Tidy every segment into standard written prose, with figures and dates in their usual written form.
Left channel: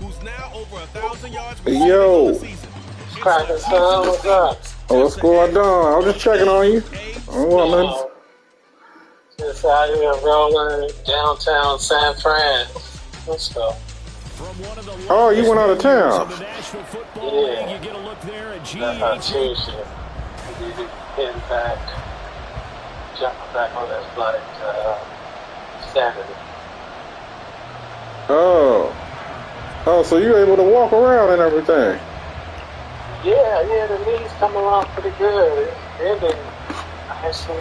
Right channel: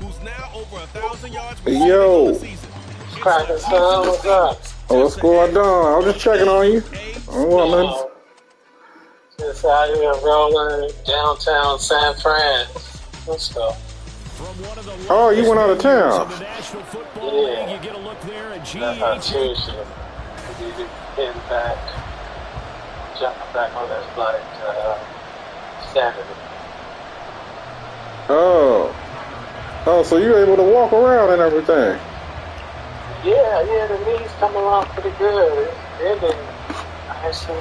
who's now over 1,000 yards Hey, receiving on the yo. season. Cracking, son. What's up? Oh, what's going on? I was just checking on you. I don't want nothing. Just out here rolling downtown San Fran. Let's go. Oh, you went out of town. Yeah. You get a look there at That's our Tuesday. We need to get back, jumping back on that flight Saturday. Oh. Oh, so you're able to walk around and everything. Yeah, the knees come along pretty good. It's ending nicely.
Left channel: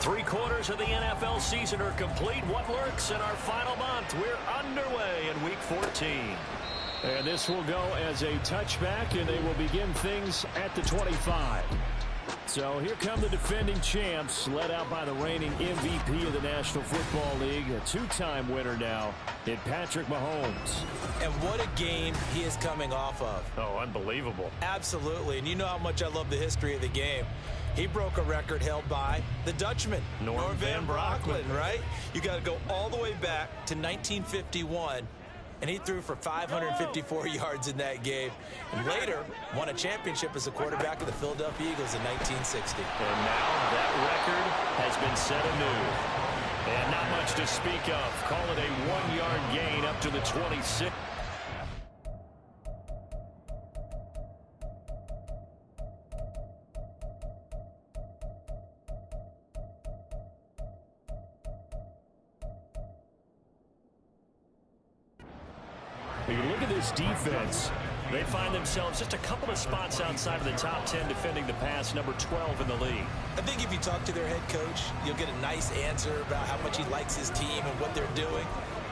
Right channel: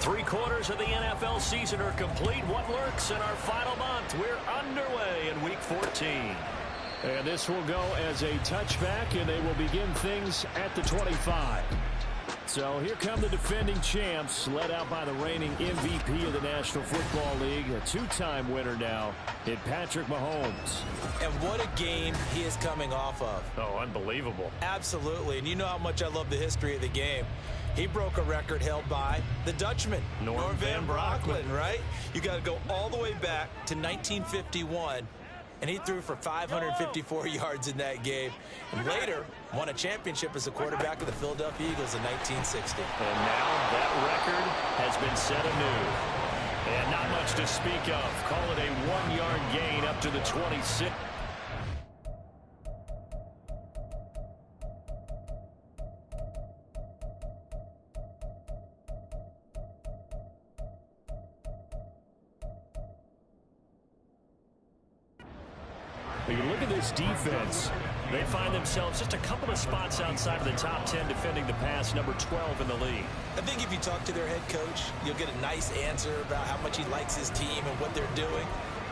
Three-quarters of the NFL season are complete. What lurks in our final month? We're underway in Week 14. And this will go as a touchback, and they will begin things at the 25. So here come the defending champs, led out by the reigning MVP of the National Football League, a two-time winner now in Patrick Mahomes. And what a game he is coming off of. Oh, unbelievable. Absolutely, and you know how much I love the history of the game. He broke a record held by the Dutchman, Norm Van Brocklin, right? You got to go all the way back to 1951, and he threw for 554 yards in that game. And later, won a championship as a quarterback of the Philadelphia Eagles in 1960. And now that record has been set anew. And not much to speak of. Call it a one-yard gain up to the 26. You look at this defense. They find themselves just a couple of spots outside of the top 10 defending the pass, number 12 in the league. I think if you talk to their head coach, you'll get a nice answer about how much he likes his team and what they're doing.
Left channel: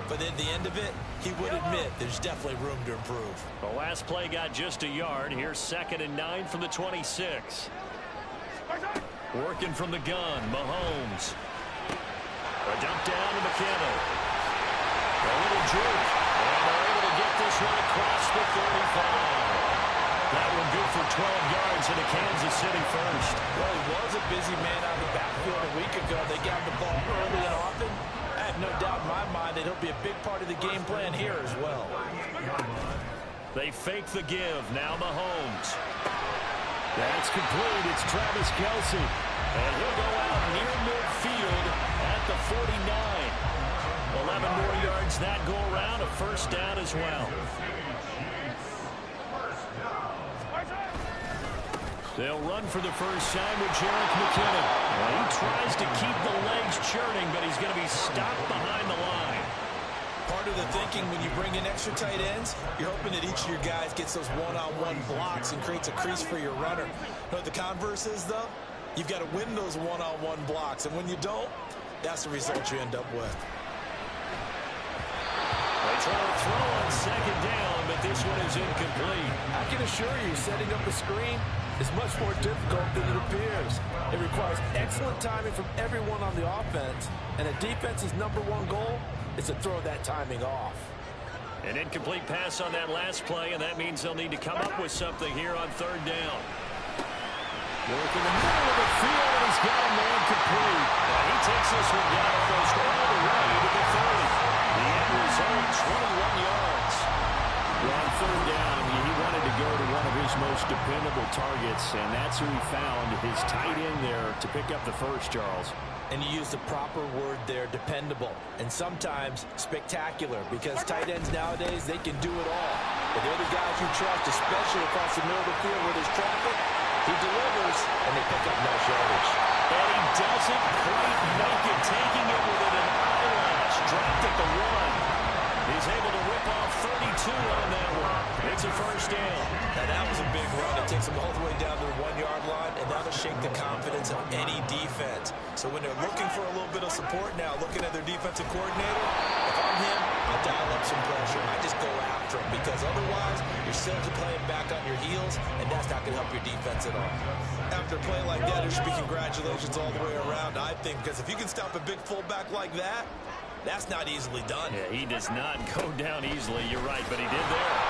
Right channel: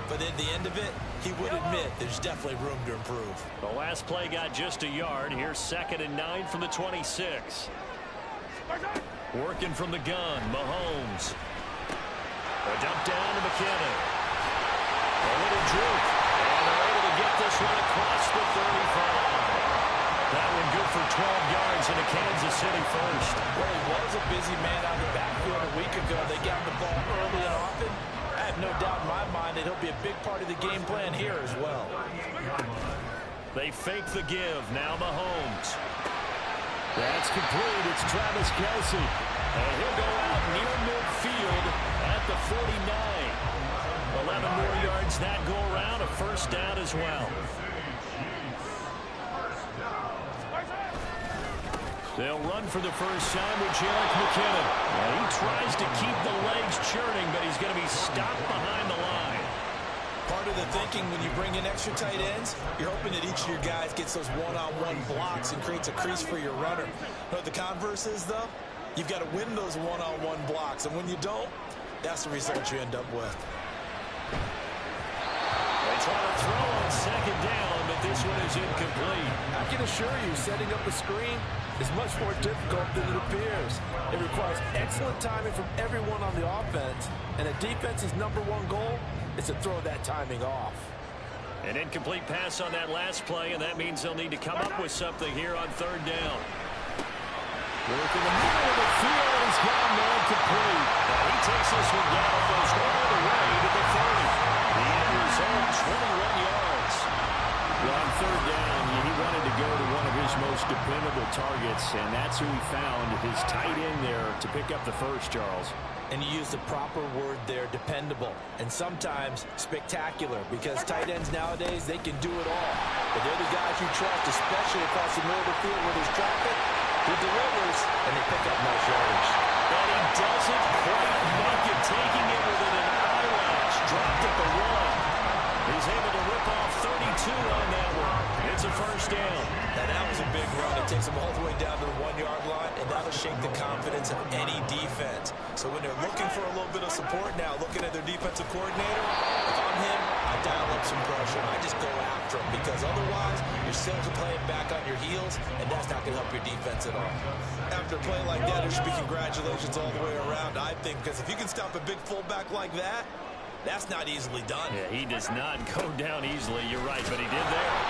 But at the end of it, he would admit there's definitely room to improve. The last play got just a yard. Here's 2nd and 9 from the 26. Working from the gun, Mahomes. A dump down to McKinnon. A little droop. And they're able to get this one across the 35. That one good for 12 yards and a Kansas City first. Well, he was a busy man out of the backfield a week ago. They got the ball early and often. I have no doubt in my mind that he'll be a big part of the game plan here as well. They fake the give. Now Mahomes. That's complete. It's Travis Kelce. And he'll go out near midfield at the 49. 11 more yards that go around. A first down as well. They'll run for the first time with Jerick McKinnon. He tries to keep the legs churning, but he's going to be stopped behind the line. Part of the thinking when you bring in extra tight ends, you're hoping that each of your guys gets those one-on-one blocks and creates a crease for your runner. You know what the converse is, though? You've got to win those one-on-one blocks, and when you don't, that's the result you end up with. They try to throw on 2nd down, but this one is incomplete. I can assure you, setting up a screen, is much more difficult than it appears. It requires excellent timing from everyone on the offense, and a defense's #1 goal is to throw that timing off. An incomplete pass on that last play, and that means they'll need to come up with something here on 3rd down. Work in the middle of the field, and he's got a man complete. Now he takes this one down almost all the way to the 30. The end result, 21 yards. Well, on 3rd down, he wanted to go to one of his most dependable targets, and that's who he found, his tight end there, to pick up the first, Charles. And you use the proper word there, dependable, and sometimes spectacular, because tight ends nowadays, they can do it all. But they're the guys you trust, especially across the middle of the field where there's traffic. He delivers, and they pick up nice yardage. And he doesn't quite make it, taking it within an eyelash. Dropped at the 1. He's able to rip off 32 on that one. It's a first down. Now that was a big run. It takes them all the way down to the 1-yard line, and that'll shake the confidence of any defense. So when they're looking for a little bit of support now, looking at their defensive coordinator, if I'm him, I dial up some pressure. I just go after him, because otherwise you're still playing back on your heels, and that's not going to help your defense at all. After a play like that, there should be congratulations all the way around, I think, because if you can stop a big fullback like that, that's not easily done. Yeah, he does not go down easily. You're right, but he did there.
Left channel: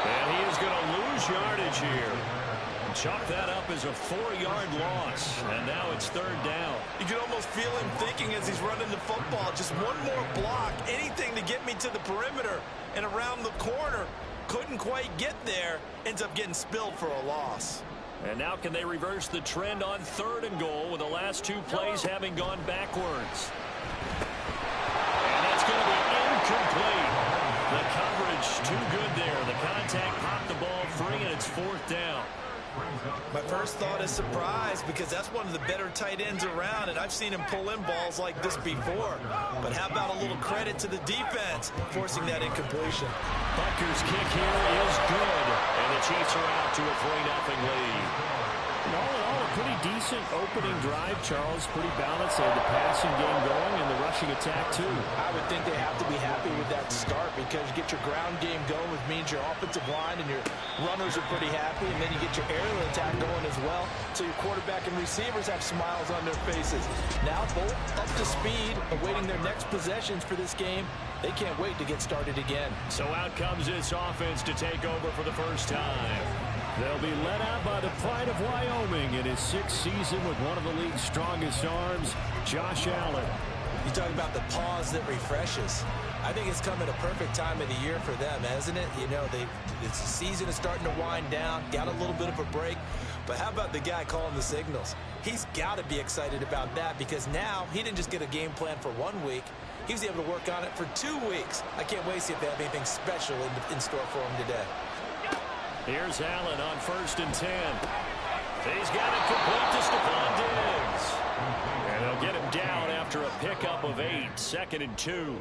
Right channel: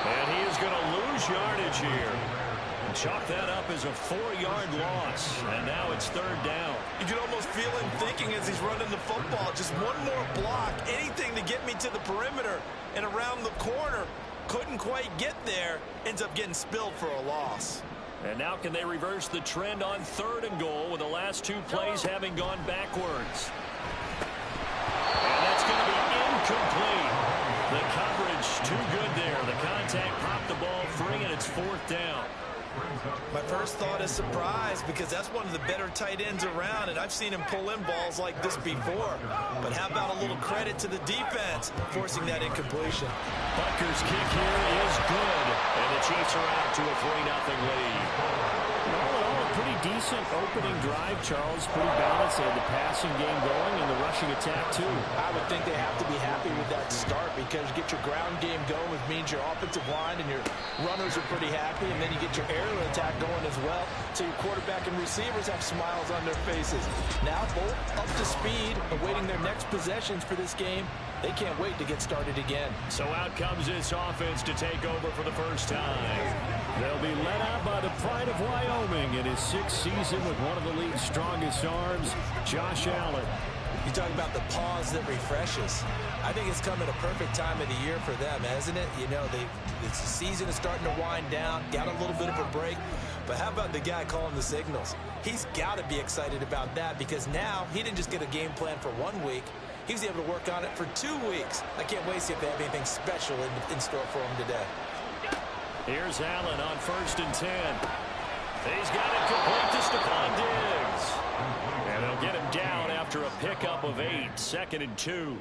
And he is going to lose yardage here. And chalk that up as a 4-yard loss. And now it's 3rd down. You can almost feel him thinking as he's running the football. Just one more block, anything to get me to the perimeter and around the corner. Couldn't quite get there. Ends up getting spilled for a loss. And now can they reverse the trend on 3rd and goal with the last 2 plays having gone backwards? And that's going to be incomplete. The coverage too good there. The contact popped the ball free, and it's 4th down. My first thought is surprise, because that's one of the better tight ends around, and I've seen him pull in balls like this before. But how about a little credit to the defense forcing that incompletion? Butker's kick here is good, and the Chiefs are out to a 3-0 lead. And all in all, a pretty decent opening drive, Charles. Pretty balanced. They had the passing game going and the rushing attack, too. I would think they have to be happy with that start, because you get your ground game going, which means your offensive line and your runners are pretty happy, and then you get your aerial attack going as well, so your quarterback and receivers have smiles on their faces. Now both up to speed, awaiting their next possessions for this game. They can't wait to get started again. So out comes this offense to take over for the first time. They'll be led out by the pride of Wyoming in his 6th season with one of the league's strongest arms, Josh Allen. You talk about the pause that refreshes. I think it's come at a perfect time of the year for them, hasn't it? You know, the season is starting to wind down, got a little bit of a break. But how about the guy calling the signals? He's got to be excited about that, because now he didn't just get a game plan for 1 week. He was able to work on it for 2 weeks. I can't wait to see if they have anything special in store for him today. Here's Allen on 1st and 10. He's got it complete to Stephon Diggs. And they'll get him down after a pickup of 8, 2nd and 2.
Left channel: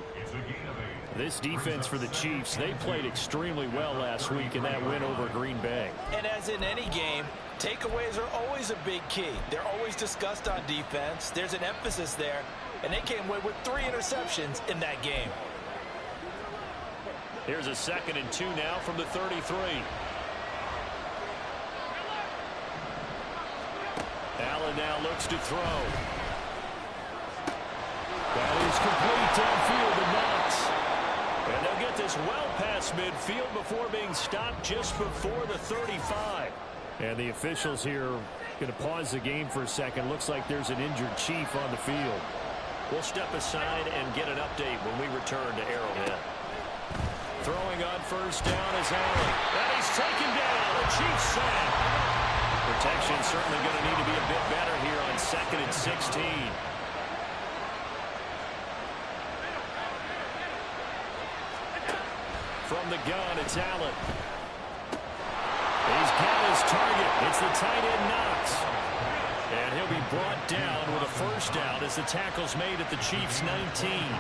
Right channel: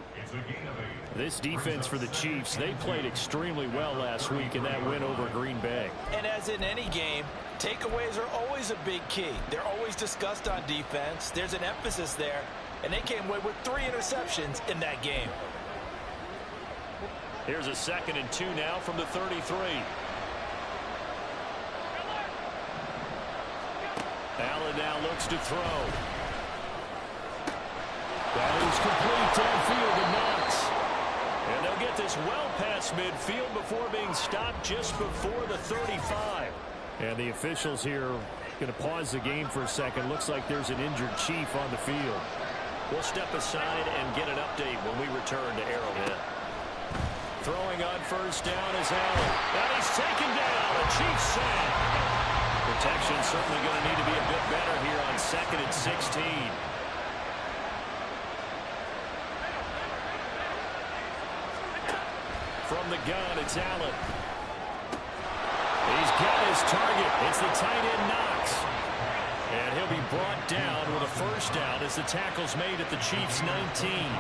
This defense for the Chiefs, they played extremely well last week in that win over Green Bay. And as in any game, takeaways are always a big key. They're always discussed on defense. There's an emphasis there. And they came away with 3 interceptions in that game. Here's a 2nd and 2 now from the 33. Allen now looks to throw. That is complete downfield to Knox. And they'll get this well past midfield before being stopped just before the 35. And the officials here going to pause the game for a second. Looks like there's an injured Chief on the field. We'll step aside and get an update when we return to Arrowhead. Throwing on 1st down is Allen. And he's taken down. A Chiefs sack. Protection certainly going to need to be a bit better here on 2nd and 16. From the gun, it's Allen. He's got his target. It's the tight end Knox. And he'll be brought down with a 1st down as the tackle's made at the Chiefs' 19.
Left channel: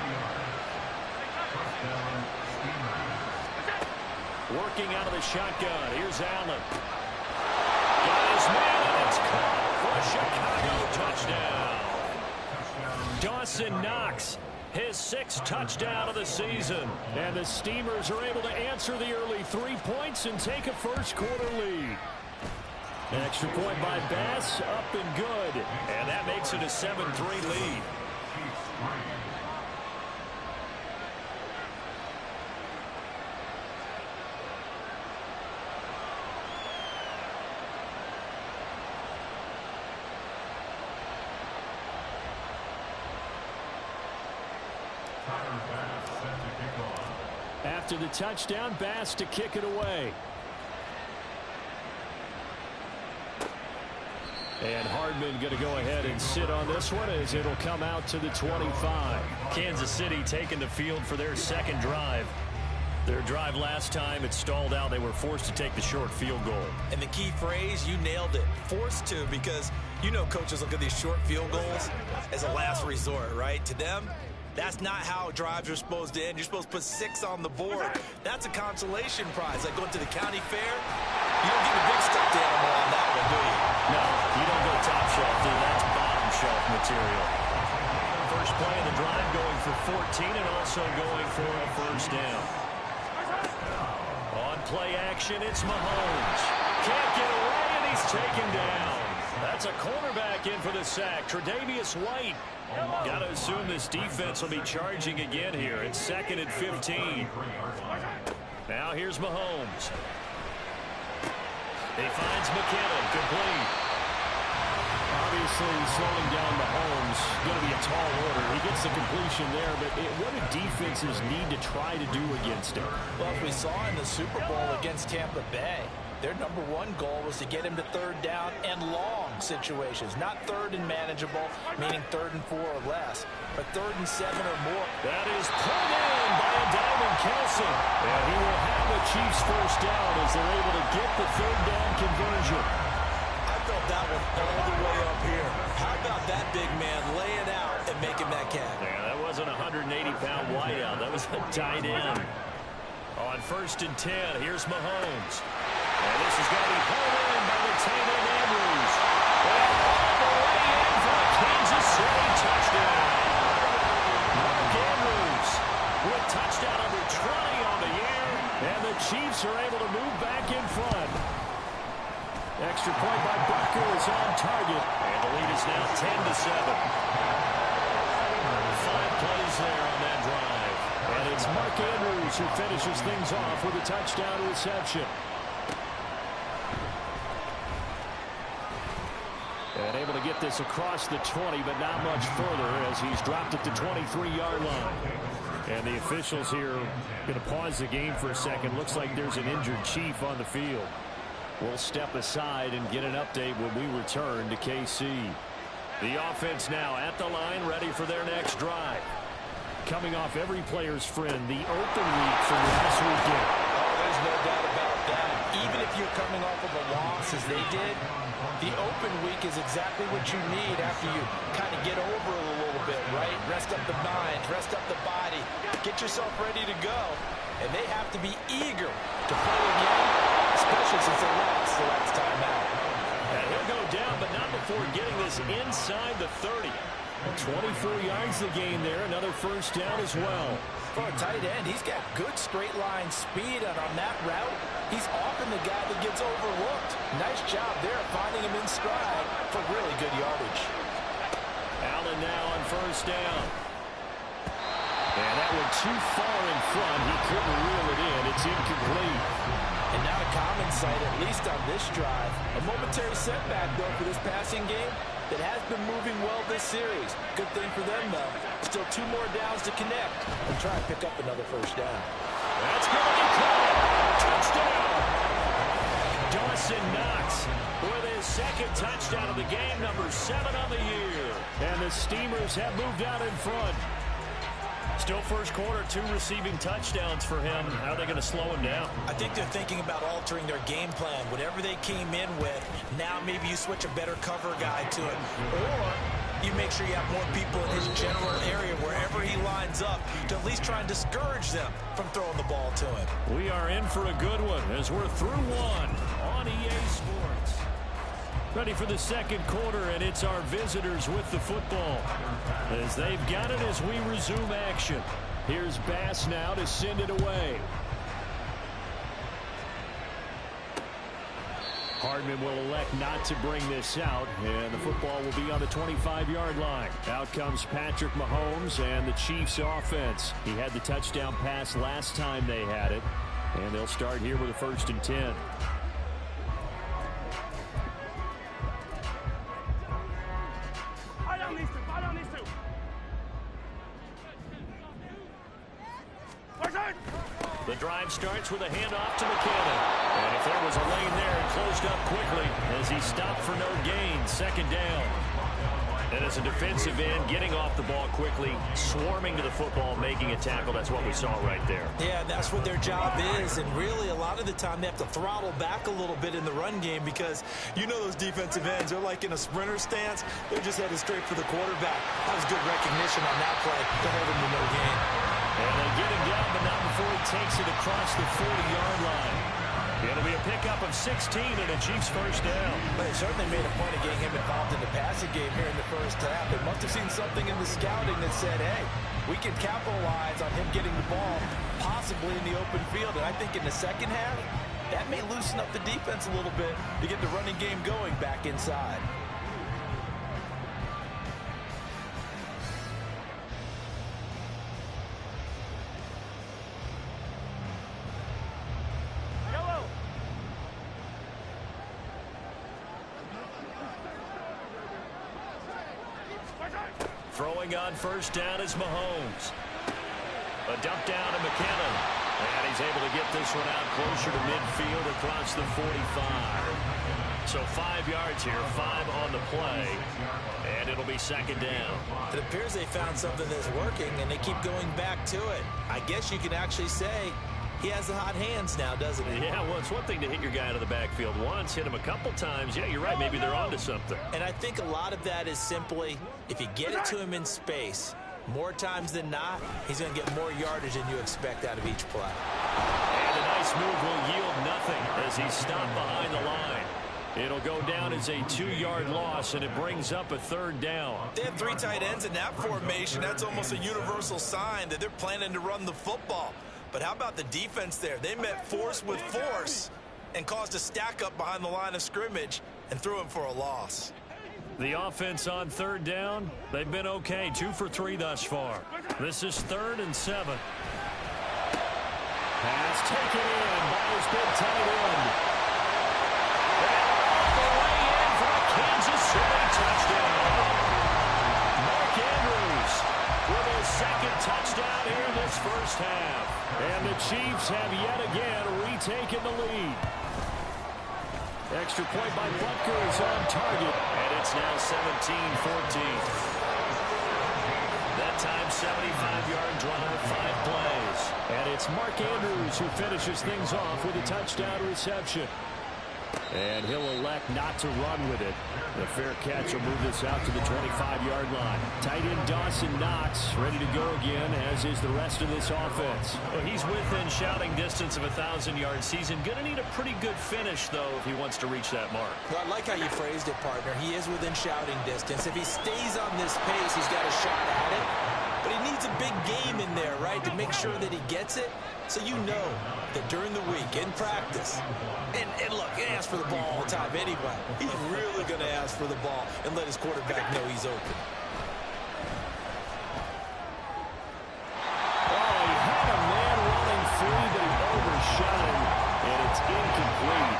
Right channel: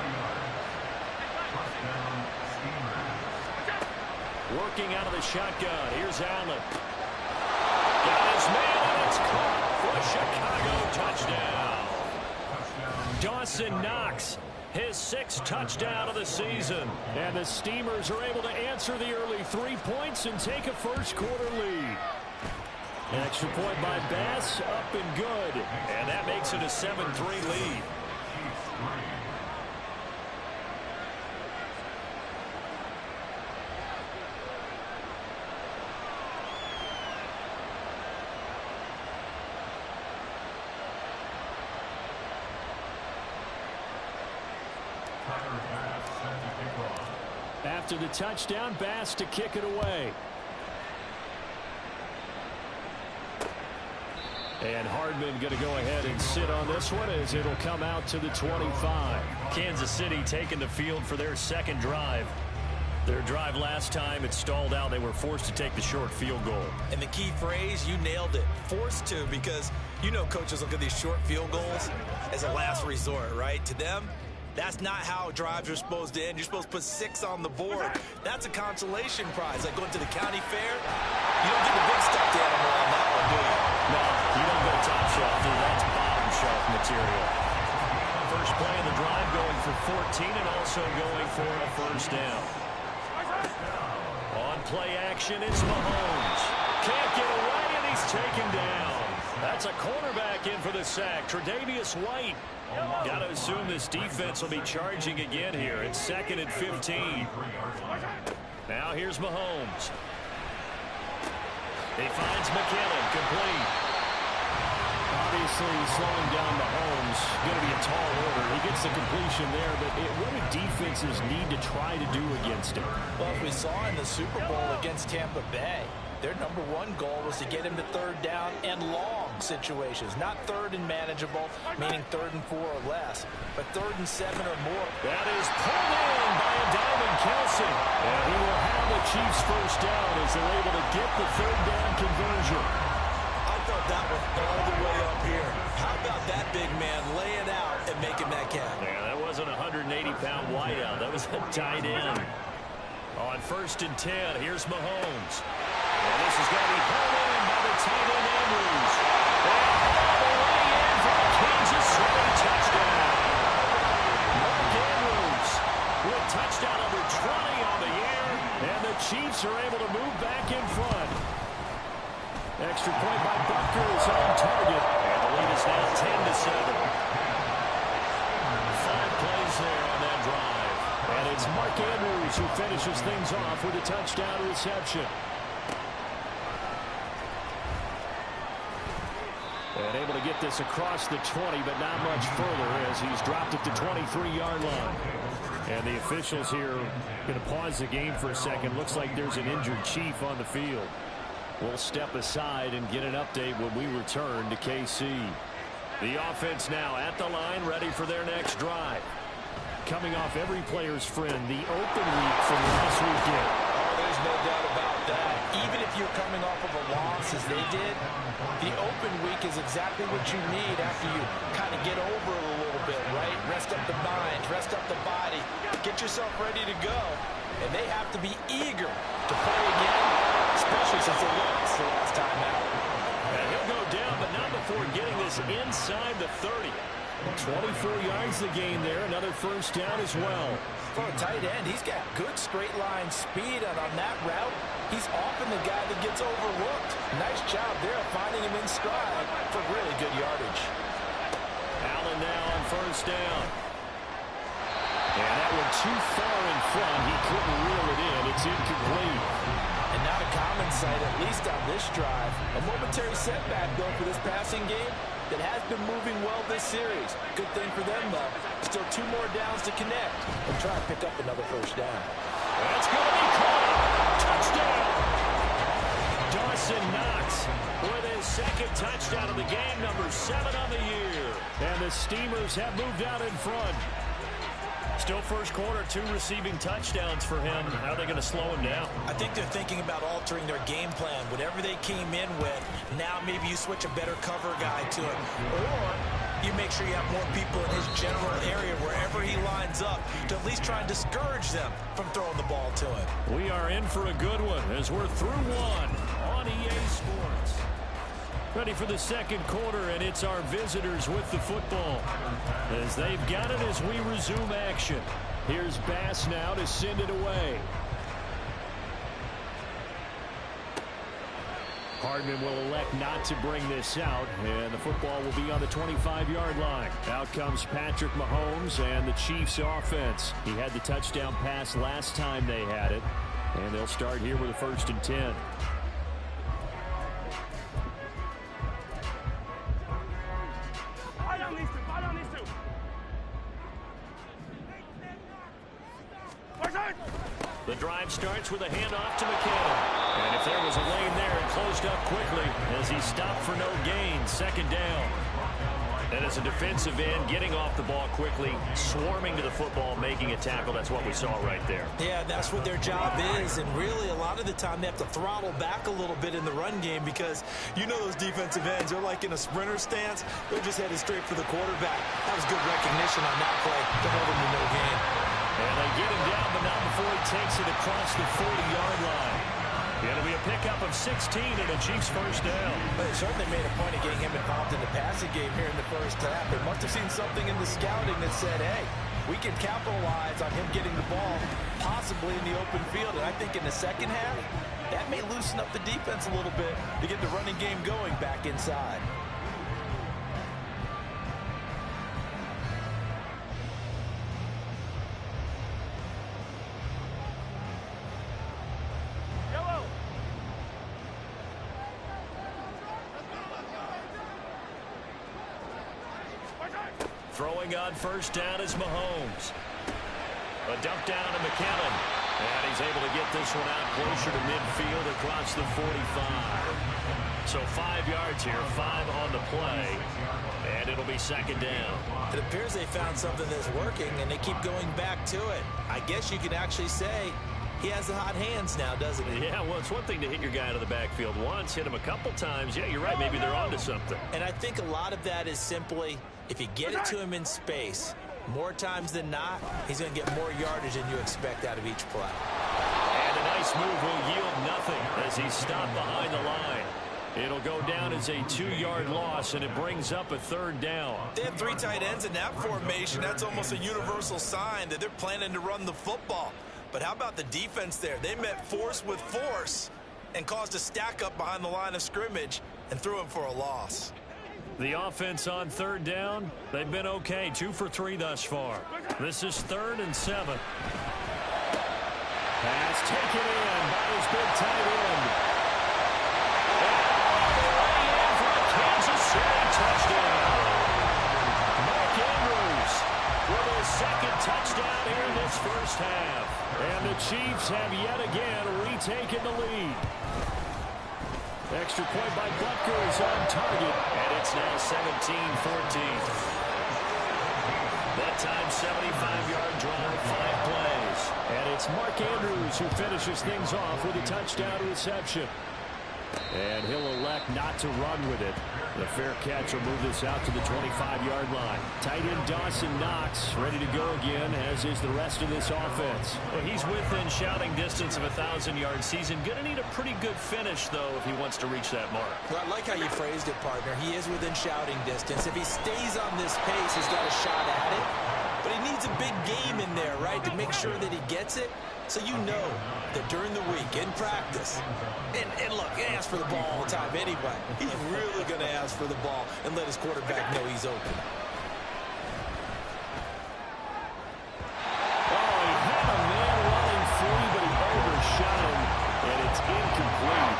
Working out of the shotgun. Here's Allen. Got his man, and it's caught for a Chicago touchdown. Dawson Knox, his 6th touchdown of the season. And the Steamers are able to answer the early 3 points and take a first quarter lead. An extra point by Bass, up and good. And that makes it a 7-3 lead. After the touchdown, Bass to kick it away. And Hardman going to go ahead and sit on this one as it'll come out to the 25. Kansas City taking the field for their second drive. Their drive last time, it stalled out. They were forced to take the short field goal. And the key phrase, you nailed it. Forced to, because you know coaches look at these short field goals as a last resort, right? To them, that's not how drives are supposed to end. You're supposed to put 6 on the board. That's a consolation prize. Like going to the county fair, you don't get the big stuffed animal on that one, do you? No, you don't go top shelf. That's bottom shelf material. First play of the drive going for 14 and also going for a first down. On play action, it's Mahomes. Can't get away, and he's taken down. That's a cornerback in for the sack, Tre'Davious White. Got to assume this defense will be charging again here. It's 2nd and 15. Now here's Mahomes. He finds McKinnon, complete. Obviously, slowing down Mahomes, going to be a tall order. He gets the completion there, but what do defenses need to try to do against him? Well, as we saw in the Super Bowl against Tampa Bay, their number one goal was to get him to third down and long situations. Not third and manageable, meaning 3rd and 4 or less, but 3rd and 7 or more. That is pulled in by a Diamond Kelce. And he will have the Chiefs first down as they're able to get the third down conversion. I felt that one all the way up here. How about that big man laying out and making that catch? Yeah, that wasn't a 180-pound wideout. That was a tight end. On 1st and 10, here's Mahomes. And this is going to be pulled in by the tight end Andrews. And all the way in for a Kansas City touchdown. Mark Andrews with touchdown number 20 on the year. And the Chiefs are able to move back in front. Extra point by Butker is on target. And the lead is now 10-7. 5 plays there on that drive. And it's Mark Andrews who finishes things off with a touchdown reception. And able to get this across the 20, but not much further as he's dropped at the 23-yard line. And the officials here going to pause the game for a second. Looks like there's an injured Chief on the field. We'll step aside and get an update when we return to KC. The offense now at the line, ready for their next drive. Coming off every player's friend, the open week from last weekend. Oh, there's no doubt about that. Even if you're coming off of a loss as they did, the open week is exactly what you need after you kind of get over it a little bit, right? Rest up the mind, rest up the body, get yourself ready to go. And they have to be eager to play again, especially since they lost the last time out. And he'll go down, but not before getting this inside the 30. 24 yards the gain there, another first down as well. For a tight end, he's got good straight line speed, and on that route, he's often the guy that gets overlooked. Nice job there finding him in stride for really good yardage. Allen now on first down. And that one too far in front. He couldn't reel it in. It's incomplete. And not a common sight, at least on this drive. A momentary setback, though, for this passing game that has been moving well this series. Good thing for them, though. Still 2 more downs to connect and try and pick up another first down. That's going to be caught. Touchdown. Dawson Knox with his second touchdown of the game, number 7 on the year. And the Steamers have moved out in front. Still first quarter, 2 receiving touchdowns for him. How are they going to slow him down? I think they're thinking about altering their game plan. Whatever they came in with, now maybe you switch a better cover guy to it. Or you make sure you have more people in his general area wherever he lines up to at least try and discourage them from throwing the ball to him. We are in for a good one as we're through 1 on EA Sports. Ready for the second quarter, and it's our visitors with the football as they've got it as we resume action. Here's Bass now to send it away. Hardman will elect not to bring this out, and the football will be on the 25-yard line. Out comes Patrick Mahomes and the Chiefs offense. He had the touchdown pass last time they had it, and they'll start here with a 1st and 10. The drive starts with a handoff to McKinnon. And if there was a lane there, it closed up quickly as he stopped for no gain. 2nd down. And as a defensive end, getting off the ball quickly, swarming to the football, making a tackle. That's what we saw right there. Yeah, that's what their job is. And really, a lot of the time, they have to throttle back a little bit in the run game because you know those defensive ends, they're like in a sprinter stance. They're just headed straight for the quarterback. That was good recognition on that play to hold him to no gain. And they get him down, but not before he takes it across the 40-yard line. It'll be a pickup of 16 and a Chiefs 1st down. But they certainly made a point of getting him involved in the passing game here in the 1st half. They must have seen something in the scouting that said, hey, we can capitalize on him getting the ball possibly in the open field. And I think in the 2nd half, that may loosen up the defense a little bit to get the running game going back inside. Throwing on 1st down is Mahomes. A dump down to McKinnon. And he's able to get this one out closer to midfield across the 45. So 5 yards here, 5 on the play. And it'll be 2nd down. It appears they found something that's working, and they keep going back to it. I guess you can actually say he has the hot hands now, doesn't he? Yeah, well, it's one thing to hit your guy out of the backfield once, hit him a couple times. Yeah, you're right. Maybe they're onto something. And I think a lot of that is simply if you get it to him in space, more times than not, he's going to get more yardage than you expect out of each play. And a nice move will yield nothing as he's stopped behind the line. It'll go down as a 2-yard loss, and it brings up a 3rd down. They have 3 tight ends in that formation. That's almost a universal sign that they're planning to run the football. But how about the defense there? They met force with force and caused a stack up behind the line of scrimmage and threw him for a loss. The offense on 3rd down, they've been okay. 2 for 3 thus far. This is 3rd and 7. Pass taken in by his big tight end. And all the way in for a Kansas City touchdown. Mark Andrews with his 2nd touchdown here in this 1st half. And the Chiefs have yet again retaken the lead. Extra point by Butker is on target, and it's now 17-14. That time, 75-yard drive, 5 plays. And it's Mark Andrews who finishes things off with a touchdown reception. And he'll elect not to run with it. The fair catch will move this out to the 25-yard line. Tight end Dawson Knox ready to go again, as is the rest of this offense. Well, he's within shouting distance of a 1,000-yard season. Going to need a pretty good finish, though, if he wants to reach that mark. Well, I like how you phrased it, partner. He is within shouting distance. If he stays on this pace, he's got a shot at it. But he needs a big game in there, right, to make sure that he gets it. So you know that during the week, in practice, and look, he asks for the ball all the time anyway. He's really going to ask for the ball and let his quarterback know he's open. Oh, he had a man running free, but he overshot him, and it's incomplete.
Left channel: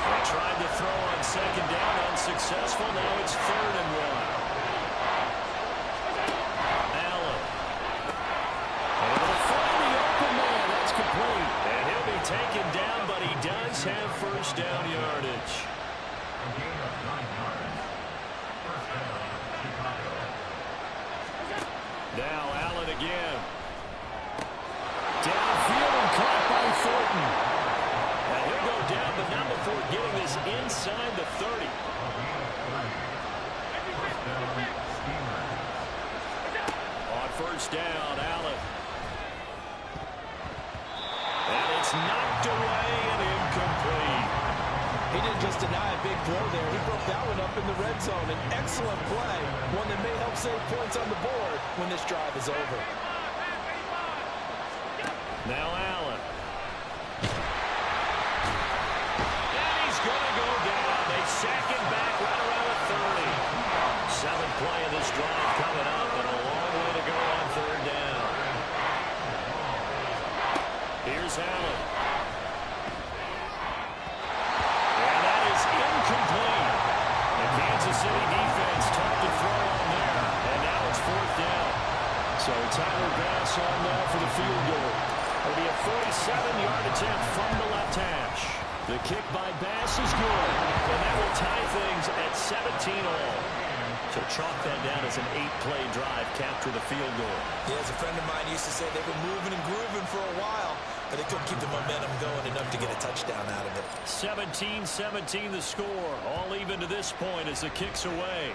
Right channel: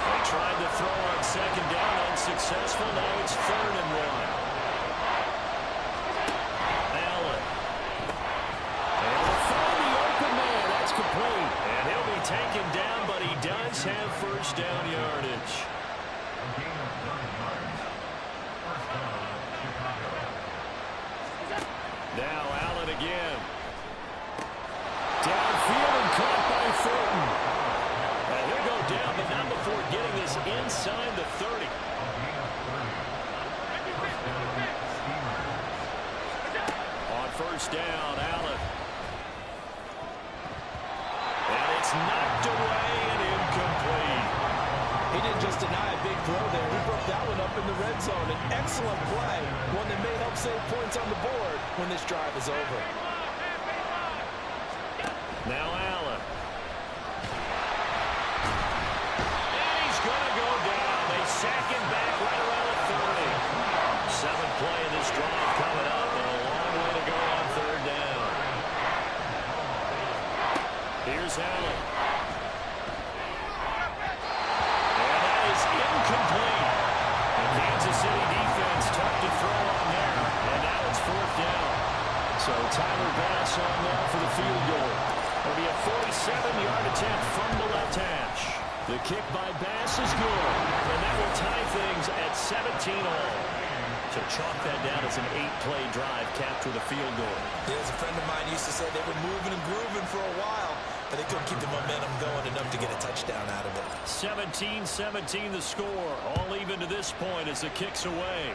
They tried to throw on 2nd down, unsuccessful. Now it's 3rd and 1. Complete, and he'll be taken down, but he does have 1st down yardage. Now Allen again. Downfield and caught by Thornton. And he'll go down, but not before getting this inside the 30. On 1st down, Allen. And it's knocked away and incomplete. He didn't just deny a big throw there. He broke that one up in the red zone. An excellent play, one that may help save points on the board when this drive is over. Now Allen. And he's Here's Allen. And that is incomplete. The Kansas City defense tough to throw on there. And now it's 4th down. So Tyler Bass on now for the field goal. It'll be a 47-yard attempt from the left hash. The kick by Bass is good. And that will tie things at 17-all. So chalk that down as an 8-play drive capped with a field goal. Yeah, as a friend of mine used to say, they were moving and grooving for a while, but they couldn't keep the momentum going enough to get a touchdown out of it. 17-17 the score. All even to this point as the kick's away.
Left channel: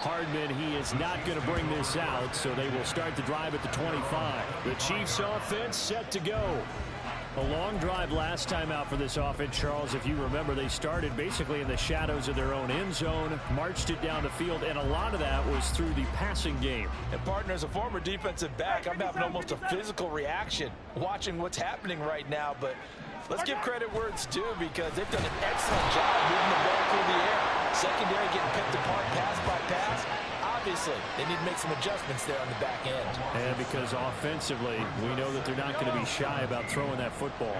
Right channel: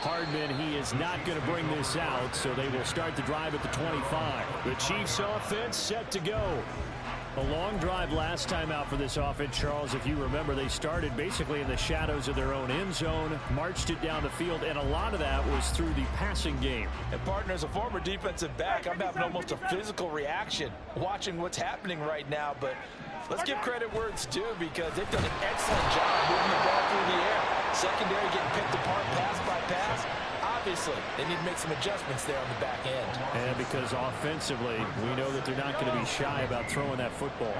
Hardman, he is not going to bring this out, so they will start the drive at the 25. The Chiefs offense set to go. A long drive last time out for this offense, Charles. If you remember, they started basically in the shadows of their own end zone, marched it down the field, and a lot of that was through the passing game. And partner, as a former defensive back, I'm having almost a physical reaction watching what's happening right now. But let's give credit where it's due, because they've done an excellent job moving the ball through the air. Secondary getting picked apart pass by pass. Obviously, they need to make some adjustments there on the back end. And because offensively, we know that they're not going to be shy about throwing that football.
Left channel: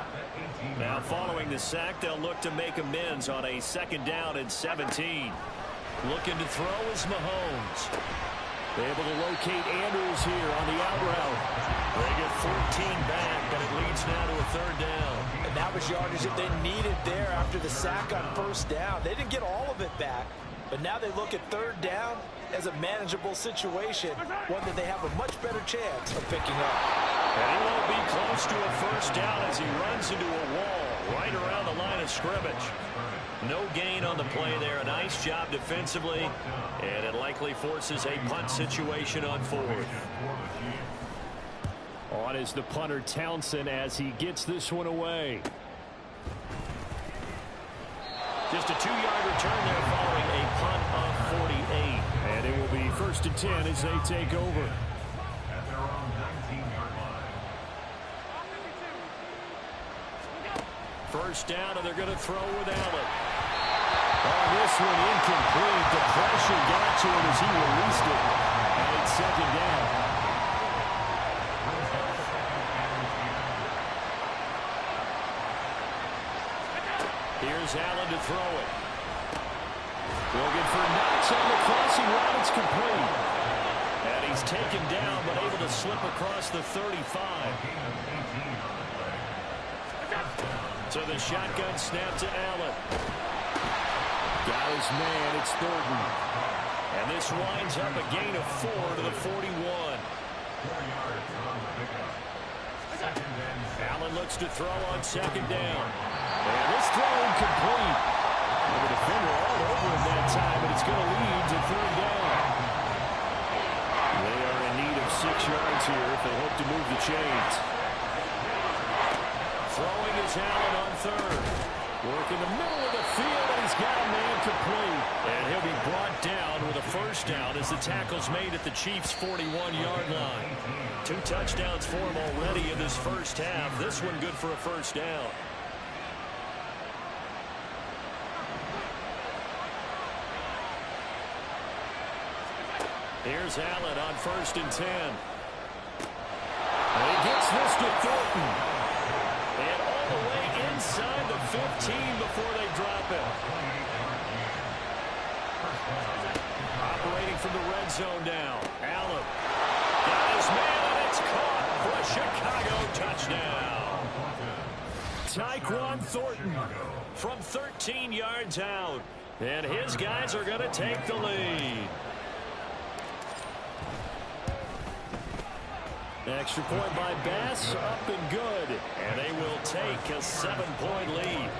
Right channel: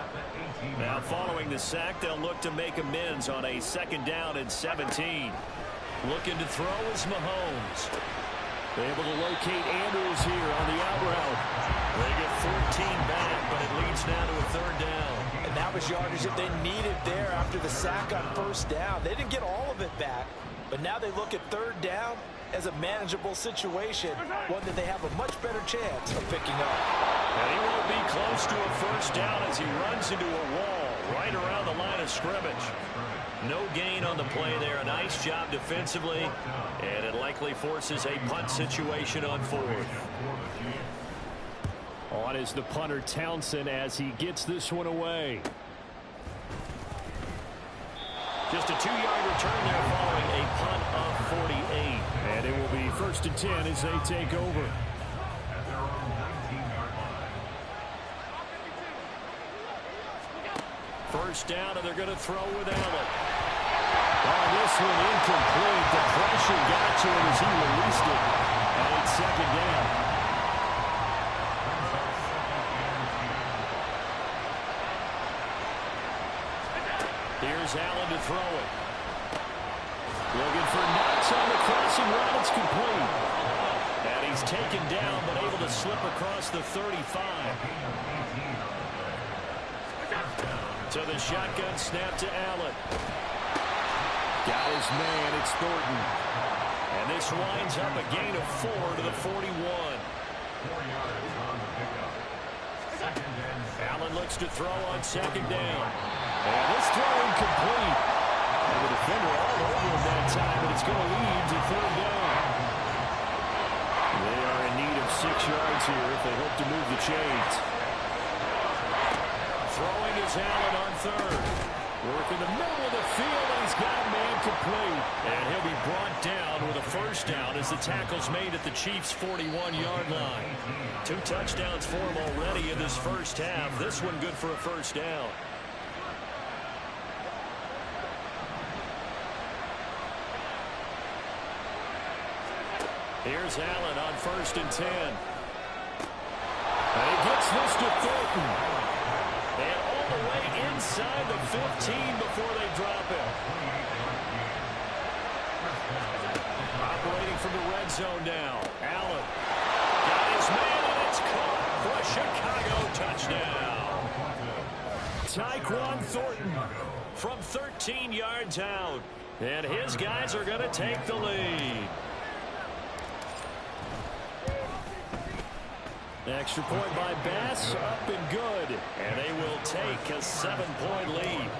Now, following the sack, they'll look to make amends on a 2nd down and 17. Looking to throw is Mahomes. They're able to locate Andrews here on the out route. They get 14 back, but it leads now to a 3rd down. And that was yardage that they needed there after the sack on 1st down. They didn't get all of it back, but now they look at 3rd down as a manageable situation, one that they have a much better chance of picking up. And he won't be close to a 1st down as he runs into a wall right around the line of scrimmage. No gain on the play there. A nice job defensively, and it likely forces a punt situation on 4th. On is the punter Townsend as he gets this one away. Just a 2-yard return there following a punt of 48. And it will be 1st and 10 as they take over. First down, and they're going to throw with Allen. Oh, this one incomplete. The pressure got to him as he released it. And it's 2nd down. Here's Allen to throw it. Looking for Knox on the crossing route. It's complete. And he's taken down, but able to slip across the 35. So the shotgun snap to Allen. Got his man. It's Thornton. And this winds up a gain of 4 to the 41. Allen looks to throw on 2nd down. And this throw incomplete. And the defender all over him that time, but it's going to lead to 3rd down. They are in need of 6 yards here if they hope to move the chains. Throwing is Allen on 3rd. Work in the middle of the field, and he's got a man complete. And he'll be brought down with a 1st down as the tackle's made at the Chiefs' 41-yard line. 2 touchdowns for him already in this 1st half. This one good for a 1st down. Here's Allen on 1st and 10. And he gets this to Thornton. And all the way inside the 15 before they drop him. Operating from the red zone now. Allen got his man, and it's caught for a Chicago touchdown. Tyquan Thornton from 13 yards out. And his guys are going to take the lead. Extra point by Bass, up and good. And they will take a 7-point lead.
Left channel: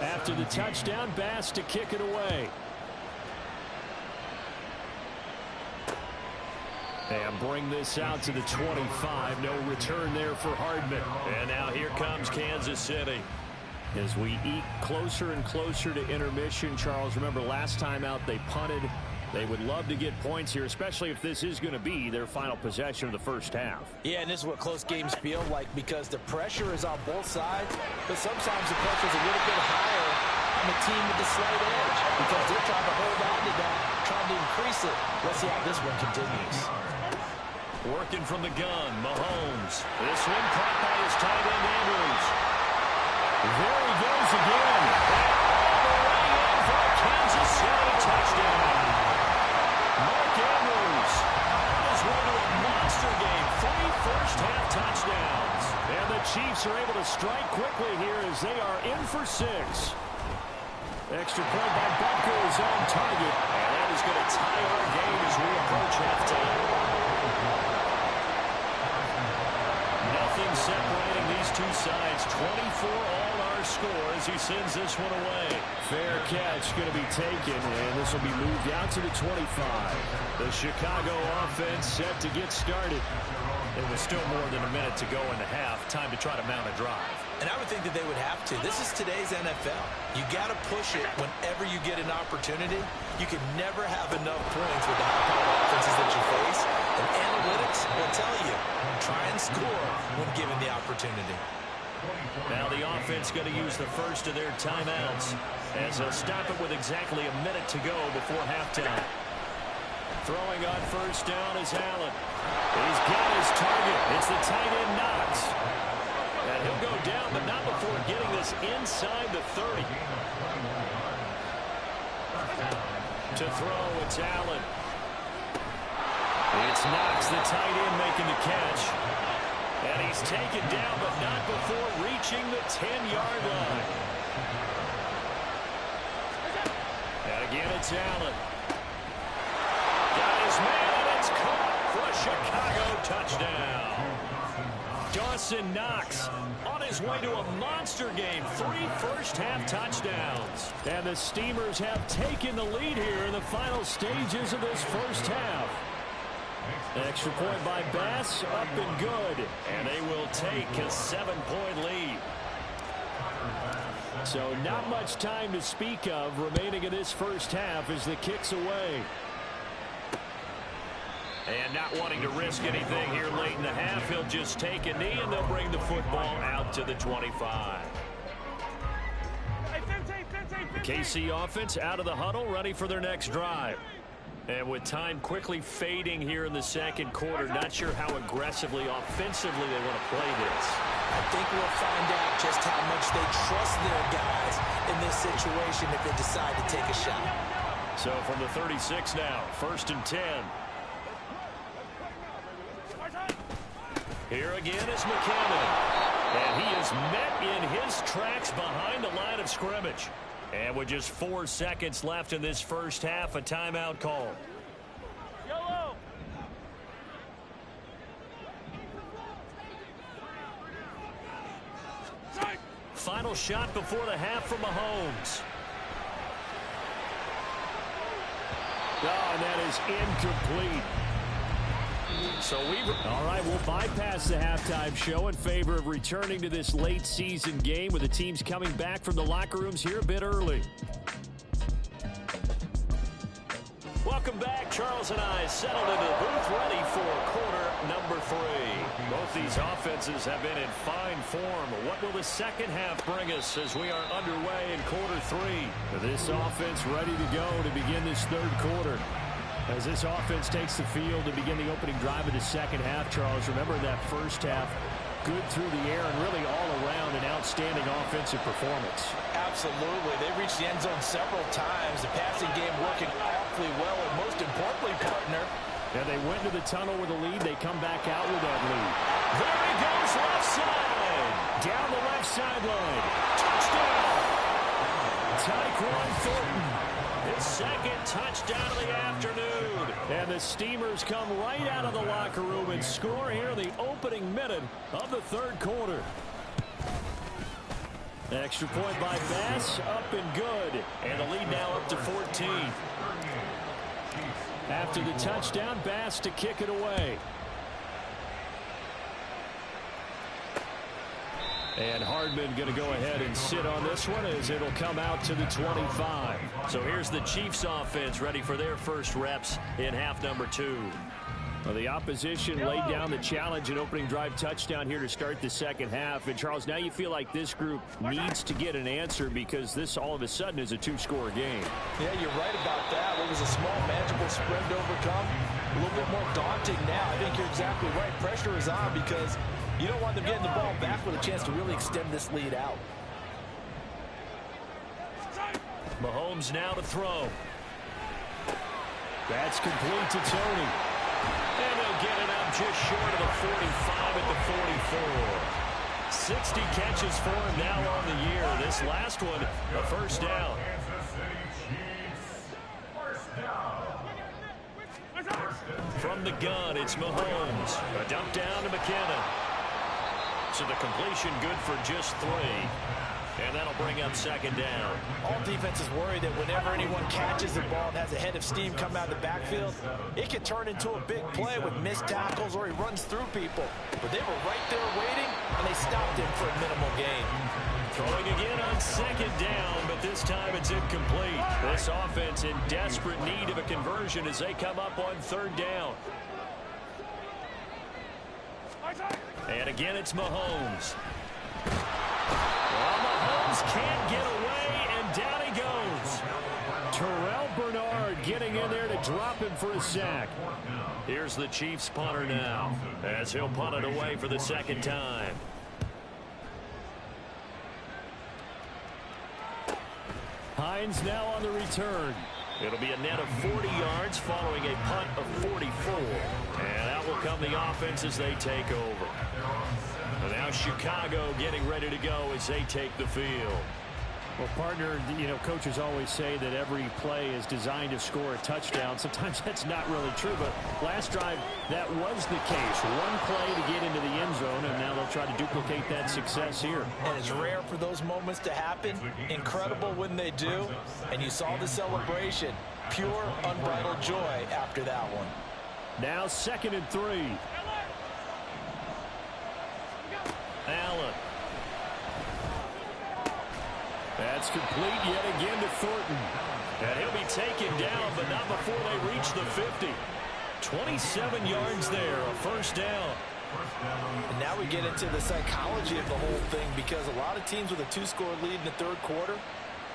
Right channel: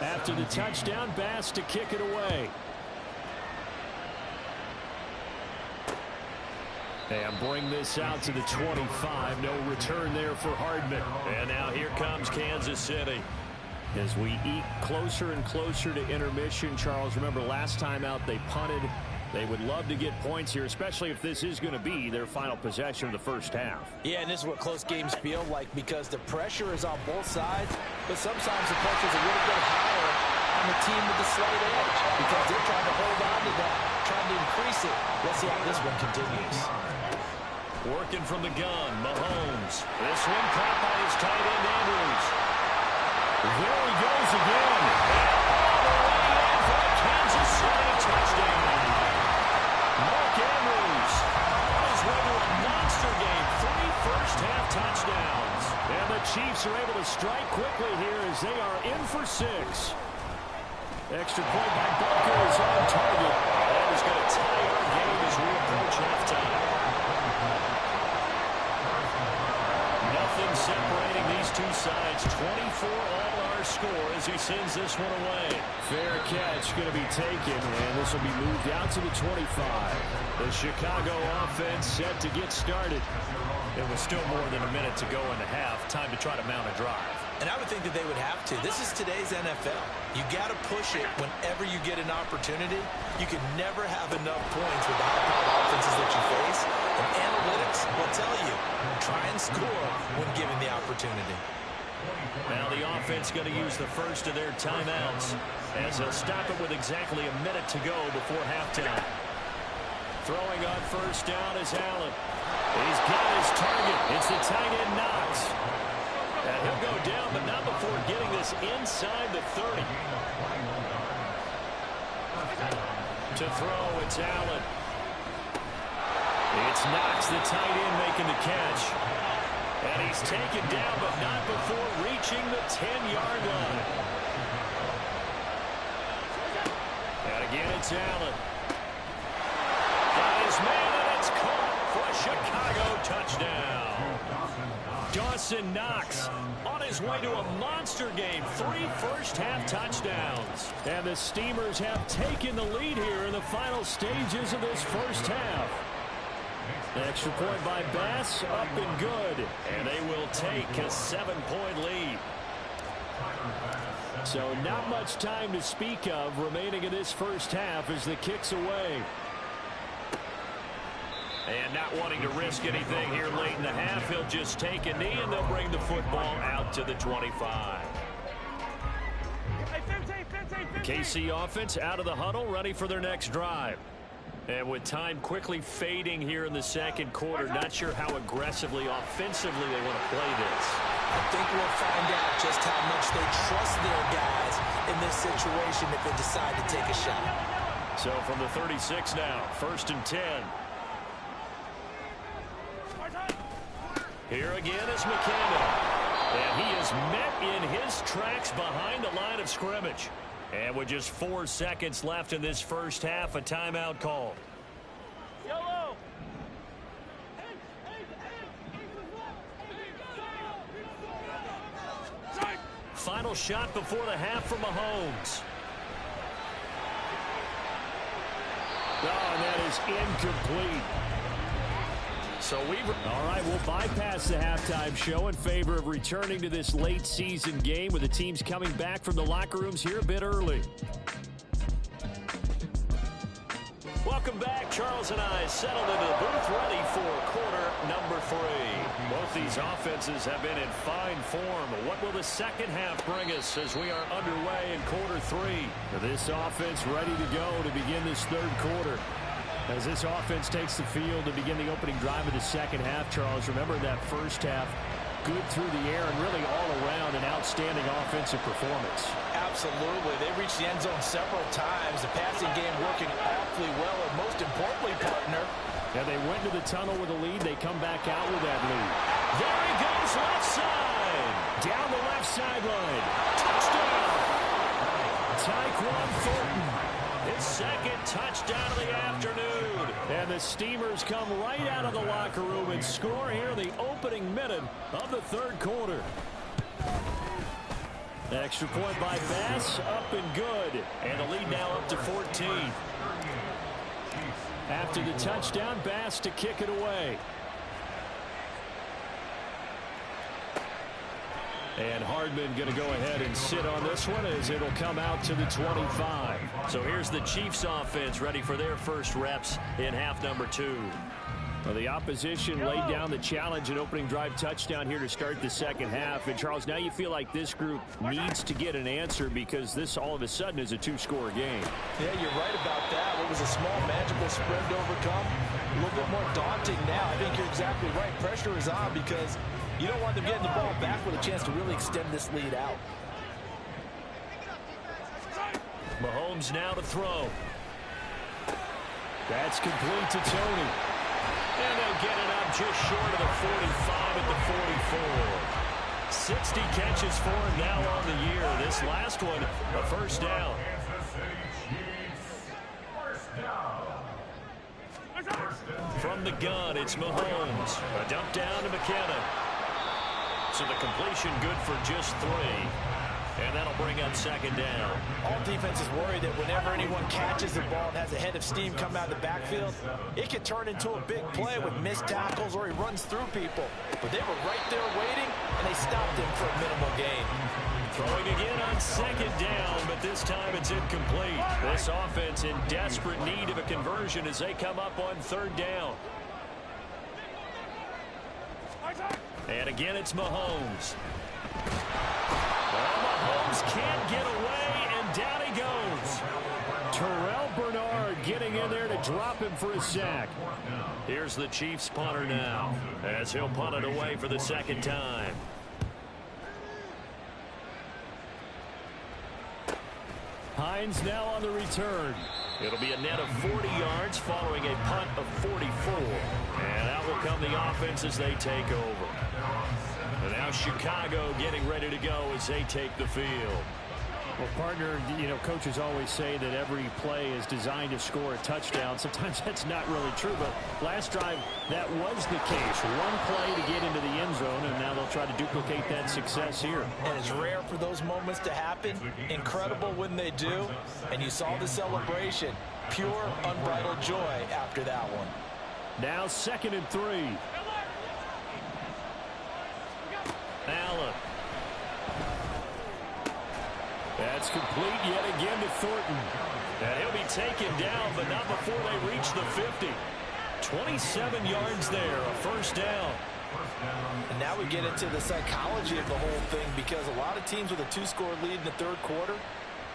After the touchdown, Bass to kick it away. And bring this out to the 25. No return there for Hardman. And now here comes Kansas City. As we eat closer and closer to intermission, Charles, remember last time out they punted. They would love to get points here, especially if this is going to be their final possession of the 1st half. Yeah, and this is what close games feel like, because the pressure is on both sides, but sometimes the pressure is a little bit higher on the team with the slight edge, because they're trying to hold on to that, trying to increase it. Let's see how this one continues. Working from the gun, Mahomes. This one caught by his tight end, Andrews. There he goes again. And all the way in for a Kansas City touchdown. Mark Andrews on his way to a monster game. 3 first-half touchdowns. And the Chiefs are able to strike quickly here as they are in for 6. Extra point by Butker is on target. And that is going to tie our game as we approach halftime. Nothing separating these two sides. 24 all our score as he sends this one away. Fair catch going to be taken, and this will be moved out to the 25. The Chicago offense set to get started. It was still more than a minute to go in the half. Time to try to mount a drive. And I would think that they would have to. This is today's NFL. You got to push it whenever you get an opportunity. You can never have enough points with the high-powered offenses that you face. And analytics will tell you, try and score when given the opportunity. Now the offense going to use the first of their timeouts as they'll stop it with exactly a minute to go before halftime. Throwing on first down is Allen. He's got his target. It's the tight end Knox. And he'll go down, but not before getting this inside the 30. To throw, it's Allen. It's Knox, the tight end, making the catch. And he's taken down, but not before reaching the 10-yard line. And again, it's Allen. Got his man, and it's caught for a Chicago touchdown. Dawson Knox on his way to a monster game. 3 first-half touchdowns. And the Steamers have taken the lead here in the final stages of this first half. Extra point by Bass, up and good. And they will take a 7-point lead. So not much time to speak of remaining in this first half as the kick's away. And not wanting to risk anything here late in the half, he'll just take a knee and they'll bring the football out to the 25. KC offense out of the huddle, ready for their next drive. And with time quickly fading here in the second quarter, not sure how aggressively, offensively they want to play this. I think we'll find out just how much they trust their guys in this situation if they decide to take a shot. So from the 36 now, 1st and 10. Here again is McKinnon. And he is met in his tracks behind the line of scrimmage. And with just 4 seconds left in this first half, a timeout call. Yellow. Final shot before the half from Mahomes. Oh, and that is incomplete. So all right, we'll bypass the halftime show in favor of returning to this late season game with the teams coming back from the locker rooms here a bit early. Welcome back. Charles and I settled into the booth ready for quarter number 3. Both these offenses have been in fine form. What will the second half bring us as we are underway in quarter 3? This offense ready to go to begin this third quarter. As this offense takes the field to begin the opening drive of the second half, Charles, remember that first half, good through the air and really all around an outstanding offensive performance. Absolutely. They reached the end zone several times. The passing game working awfully well, and most importantly, partner. Yeah, they went to the tunnel with a lead. They come back out with that lead. There he goes, left side. Down the left sideline. Touchdown. Tyquan Thornton. His second touchdown of the afternoon. And the Steamers come right out of the locker room and score here in the opening minute of the third quarter. Extra point by Bass, up and good. And the lead now up to 14. After the touchdown, Bass to kick it away. And Hardman going to go ahead and sit on this one as it'll come out to the 25. So here's the Chiefs offense ready for their first reps in half number 2. Well, the opposition laid down the challenge and opening drive touchdown here to start the second half. And, Charles, now you feel like this group needs to get an answer because this all of a sudden is a 2-score game. Yeah, you're right about that. What was a small, manageable spread to overcome a little bit more daunting now. I think you're exactly right. Pressure is on because you don't want them getting the ball back with a chance to really extend this lead out. Mahomes now to throw. That's complete to Tony. And they'll get it up just short of the 45 at the 44. 60 catches for him now on the year. This last one, a first down. From the gun, it's Mahomes. A dump down to McKinnon. So the completion good for just 3. And that'll bring up second down. All defenses worry that whenever anyone catches the ball and has a head of steam come out of the backfield, it can turn into a big play with missed tackles or he runs through people. But they were right there waiting, and they stopped him for a minimal gain. Throwing again on second down, but this time it's incomplete. This offense in desperate need of a conversion as they come up on third down. And again, it's Mahomes. Well, Mahomes can't get away, and down he goes. Terrell Bernard getting in there to drop him for a sack. Here's the Chiefs punter now, as he'll punt it away for the second time. Hines now on the return. It'll be a net of 40 yards following a punt of 44. And out will come the offense as they take over. And now Chicago getting ready to go as they take the field. Well, partner, you know, coaches always say that every play is designed to score a touchdown. Sometimes that's not really true, but last drive, that was the case. One play to get into the end zone, and now they'll try to duplicate that success here. And it's rare for those moments to happen. Incredible when they do. And you saw the celebration. Pure, unbridled joy after that one. Now 2nd and 3. Allen. That's complete yet again to Thornton. And he'll be taken down, but not before they reach the 50. 27 yards there, a first down. And now we get into the psychology of the whole thing, because a lot of teams with a 2-score lead in the third quarter,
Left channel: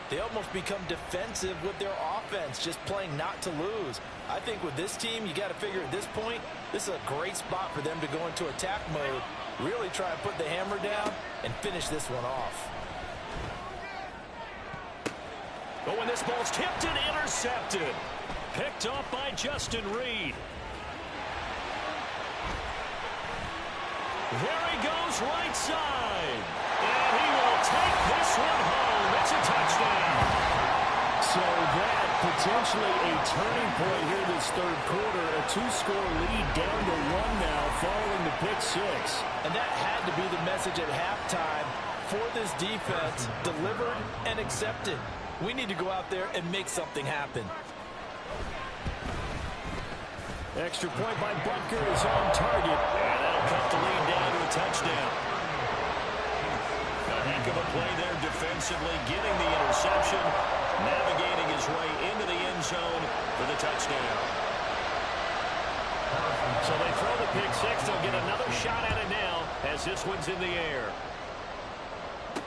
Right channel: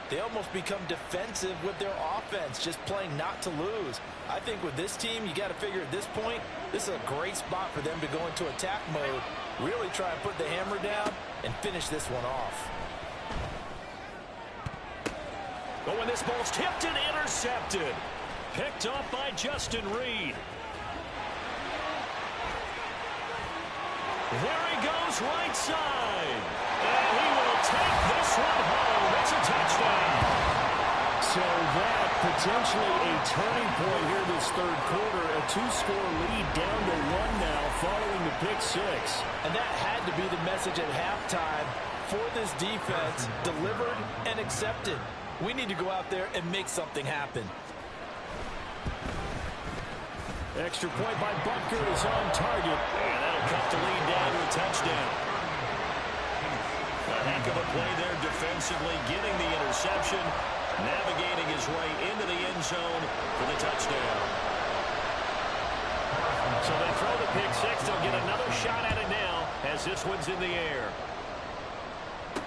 they almost become defensive with their offense, just playing not to lose. I think with this team, you got to figure at this point, this is a great spot for them to go into attack mode, really try and put the hammer down and finish this one off. But when this ball's tipped and intercepted, picked off by Justin Reed. There he goes right side. And he will take this one home. It's a touchdown. So that potentially a turning point here this third quarter. A 2-score lead down to 1 now following the pick 6. And that had to be the message at halftime for this defense. Delivered and accepted. We need to go out there and make something happen. Extra point by Butker is on target. And that'll cut the lead down to a touchdown. A heck of a play there defensively, getting the interception, navigating his way into the end zone for the touchdown. So they throw the pick 6. They'll get another shot at it now as this one's in the air.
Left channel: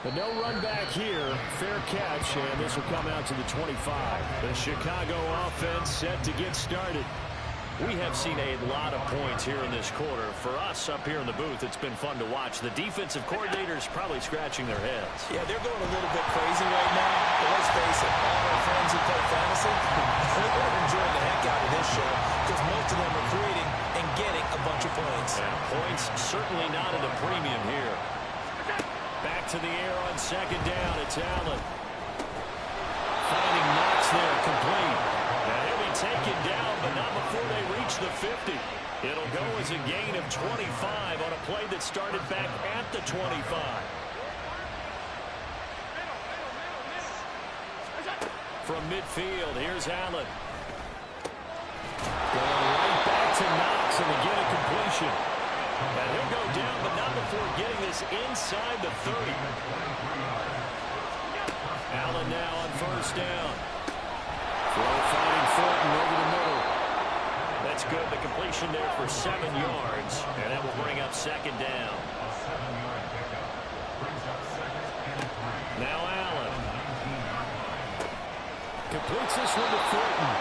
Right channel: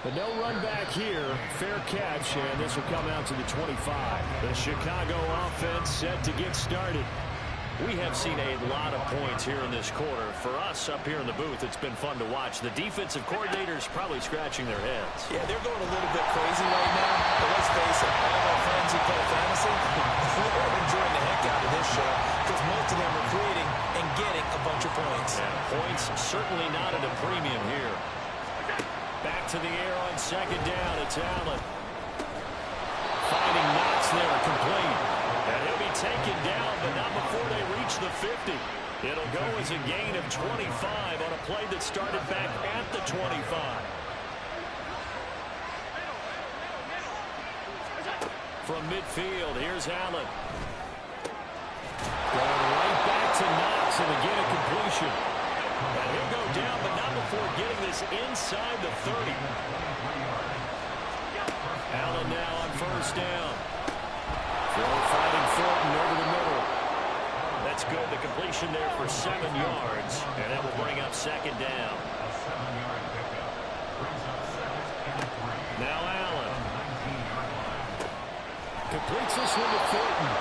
But no run back here. Fair catch, and this will come out to the 25. The Chicago offense set to get started. We have seen a lot of points here in this quarter. For us up here in the booth, it's been fun to watch. The defensive coordinators probably scratching their heads. Yeah, they're going a little bit crazy right now. But let's face it, all of our friends who play fantasy, they're enjoying the heck out of this show because most of them are creating and getting a bunch of points. And points certainly not at a premium here. Back to the air on second down. It's Allen. Finding Knox there, complete. And he'll be taken down, but not before they reach the 50. It'll go as a gain of 25 on a play that started back at the 25. From midfield, here's Allen. Going right back to Knox, and again a completion. And he'll go down, but not before getting this inside the 30. Allen now on first down. Throw fighting Thornton over the middle. That's good. The completion there for 7 yards. And that will bring up second down. Now Allen. Completes this one to Thornton.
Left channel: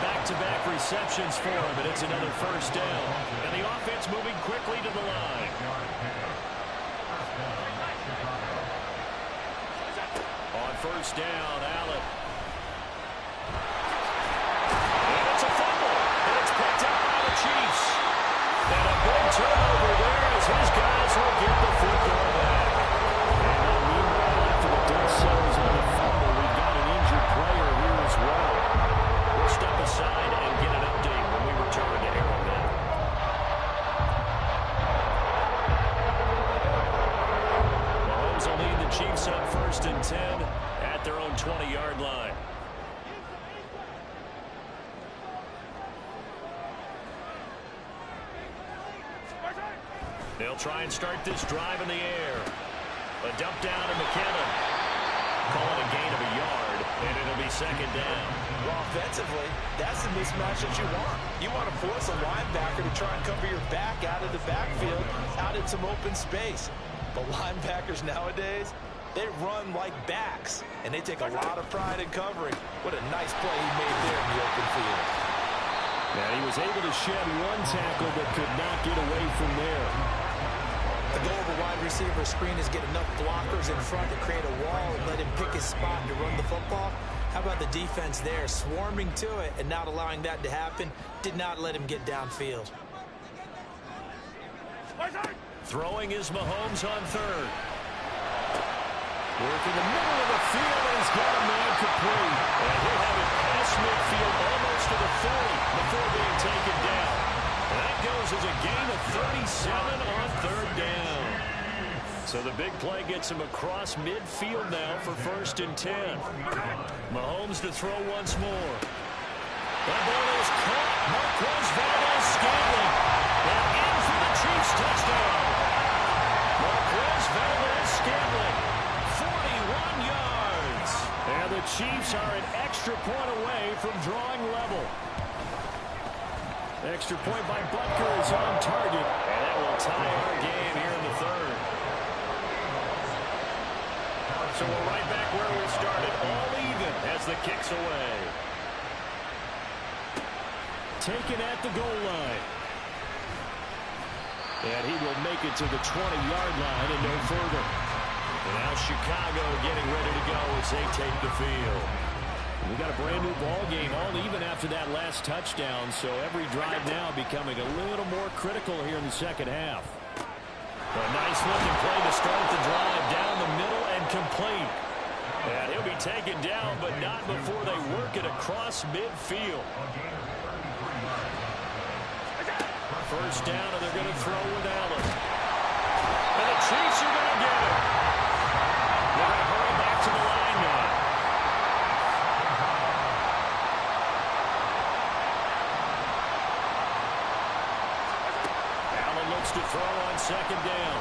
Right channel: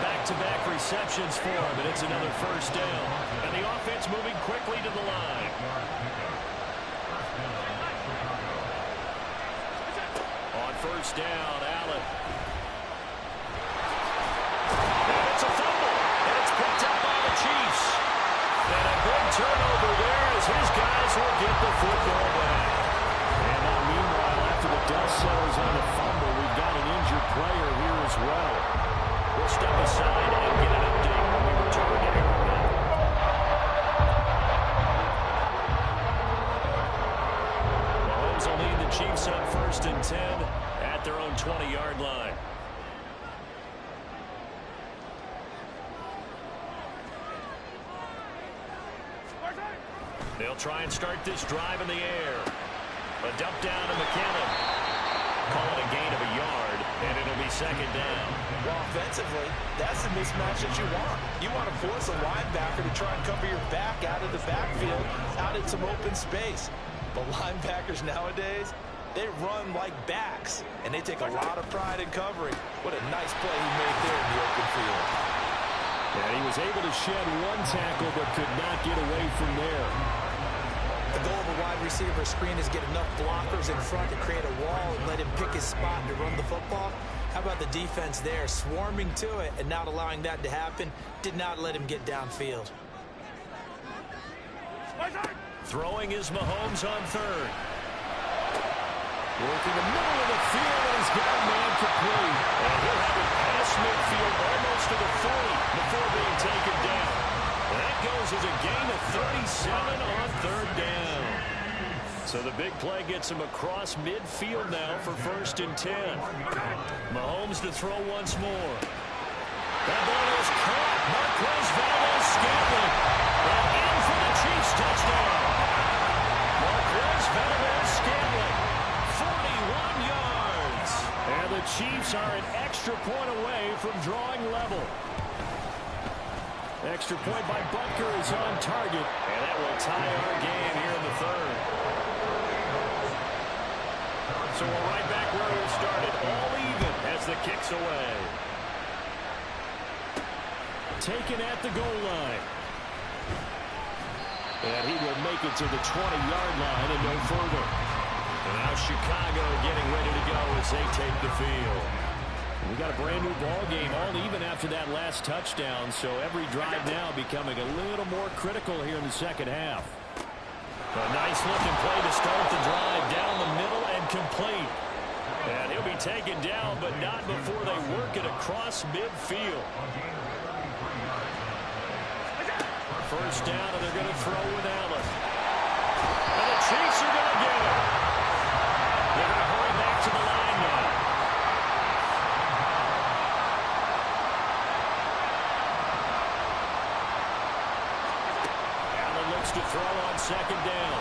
back-to-back receptions for him, and it's another first down. And the offense moving quickly to the line. On first down, Allen. And it's a fumble, and it's picked up by the Chiefs. And a big turnover there as his guys will get the football back. And now, meanwhile, after the dust settles on the fumble, we've got an injured player here as well. We'll step aside and get an update when we return to Arrowhead. Mahomes will lead the Chiefs on 1st and 10 at their own 20-yard line. They'll try and start this drive in the air. A dump down to McKinnon. Call it a gain of a yard, and it'll be 2nd down. Well, offensively, that's the mismatch that you want. You want to force a linebacker to try and cover your back out of the backfield, out in some open space. But linebackers nowadays, they run like backs, and they take a lot of pride in covering. What a nice play he made there in the open field. And he was able to shed one tackle, but could not get away from there. The goal of a wide receiver screen is get enough blockers in front to create a wall and let him pick his spot to run the football. How about the defense there, swarming to it and not allowing that to happen? Did not let him get downfield. Throwing is Mahomes on 3rd. Working the middle of the field, and he's got a man complete. And he'll have it past midfield almost to the 40 before being taken down. And that goes as a gain of 37 on 3rd down. So the big play gets him across midfield now for 1st and 10. Mahomes to throw once more. That ball is caught. Marquez Valdes-Scantling. And in for the Chiefs touchdown. Marquez Valdes-Scantling. 41 yards. And the Chiefs are an extra point away from drawing level. Extra point by Butker is on target. And that will tie our game here in the 3rd. So we're right back where we started. All even as the kick's away. Taken at the goal line. And he will make it to the 20-yard line and no further. And now Chicago getting ready to go as they take the field. We got a brand new ball game, all even after that last touchdown. So every drive now becoming a little more critical here in the 2nd half. A nice looking play to start the drive down the middle and complete. And he'll be taken down, but not before they work it across midfield. 1st down, and they're going to throw with Allen. And the Chiefs are going to get it. They're going to hurry back to the line now. Allen looks to throw on 2nd down.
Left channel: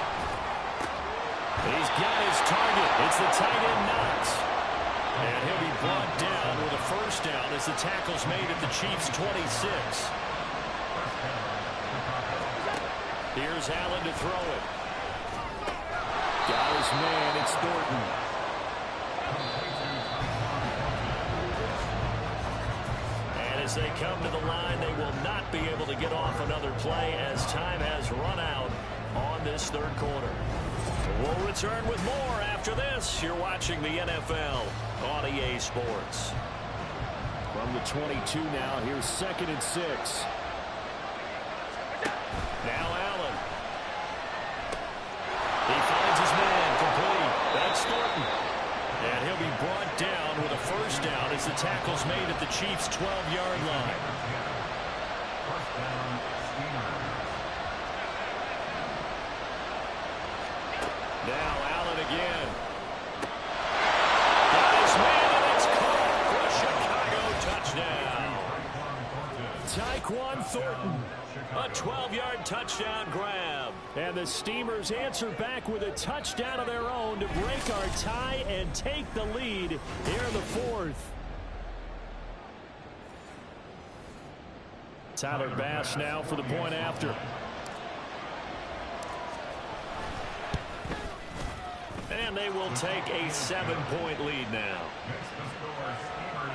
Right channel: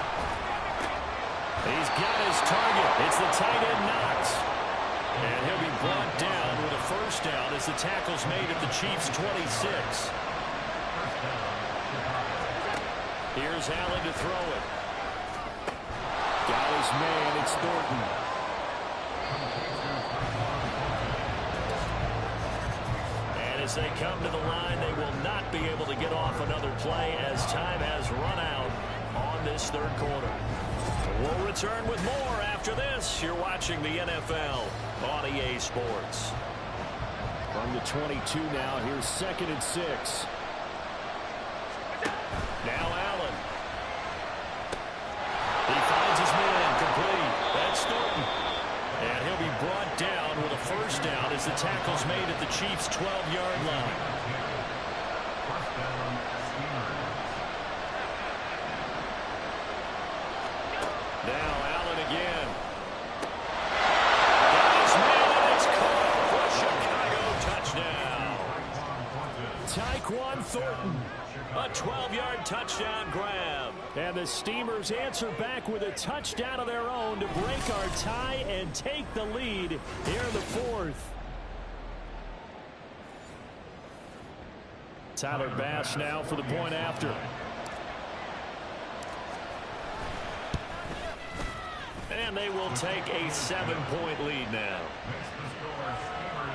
He's got his target. It's the tight end Knox. And he'll be brought down with a 1st down as the tackle's made at the Chiefs' 26. Here's Allen to throw it. Got his man, it's Thornton. And as they come to the line, they will not be able to get off another play as time has run out on this 3rd quarter. We'll return with more after this. You're watching the NFL on EA Sports. From the 22 now, here's 2nd and 6. Now Allen. He finds his man complete. That's Thornton. And he'll be brought down with a 1st down as the tackle's made at the Chiefs' 12-yard line. Now Allen again. Got his man, and it's caught for a Chicago touchdown. Tyquan Thornton. A 12-yard touchdown grab. And the Steamers answer back with a touchdown of their own to break our tie and take the lead here in the 4th. Tyler Bass now for the point after. And they will take a 7-point lead now.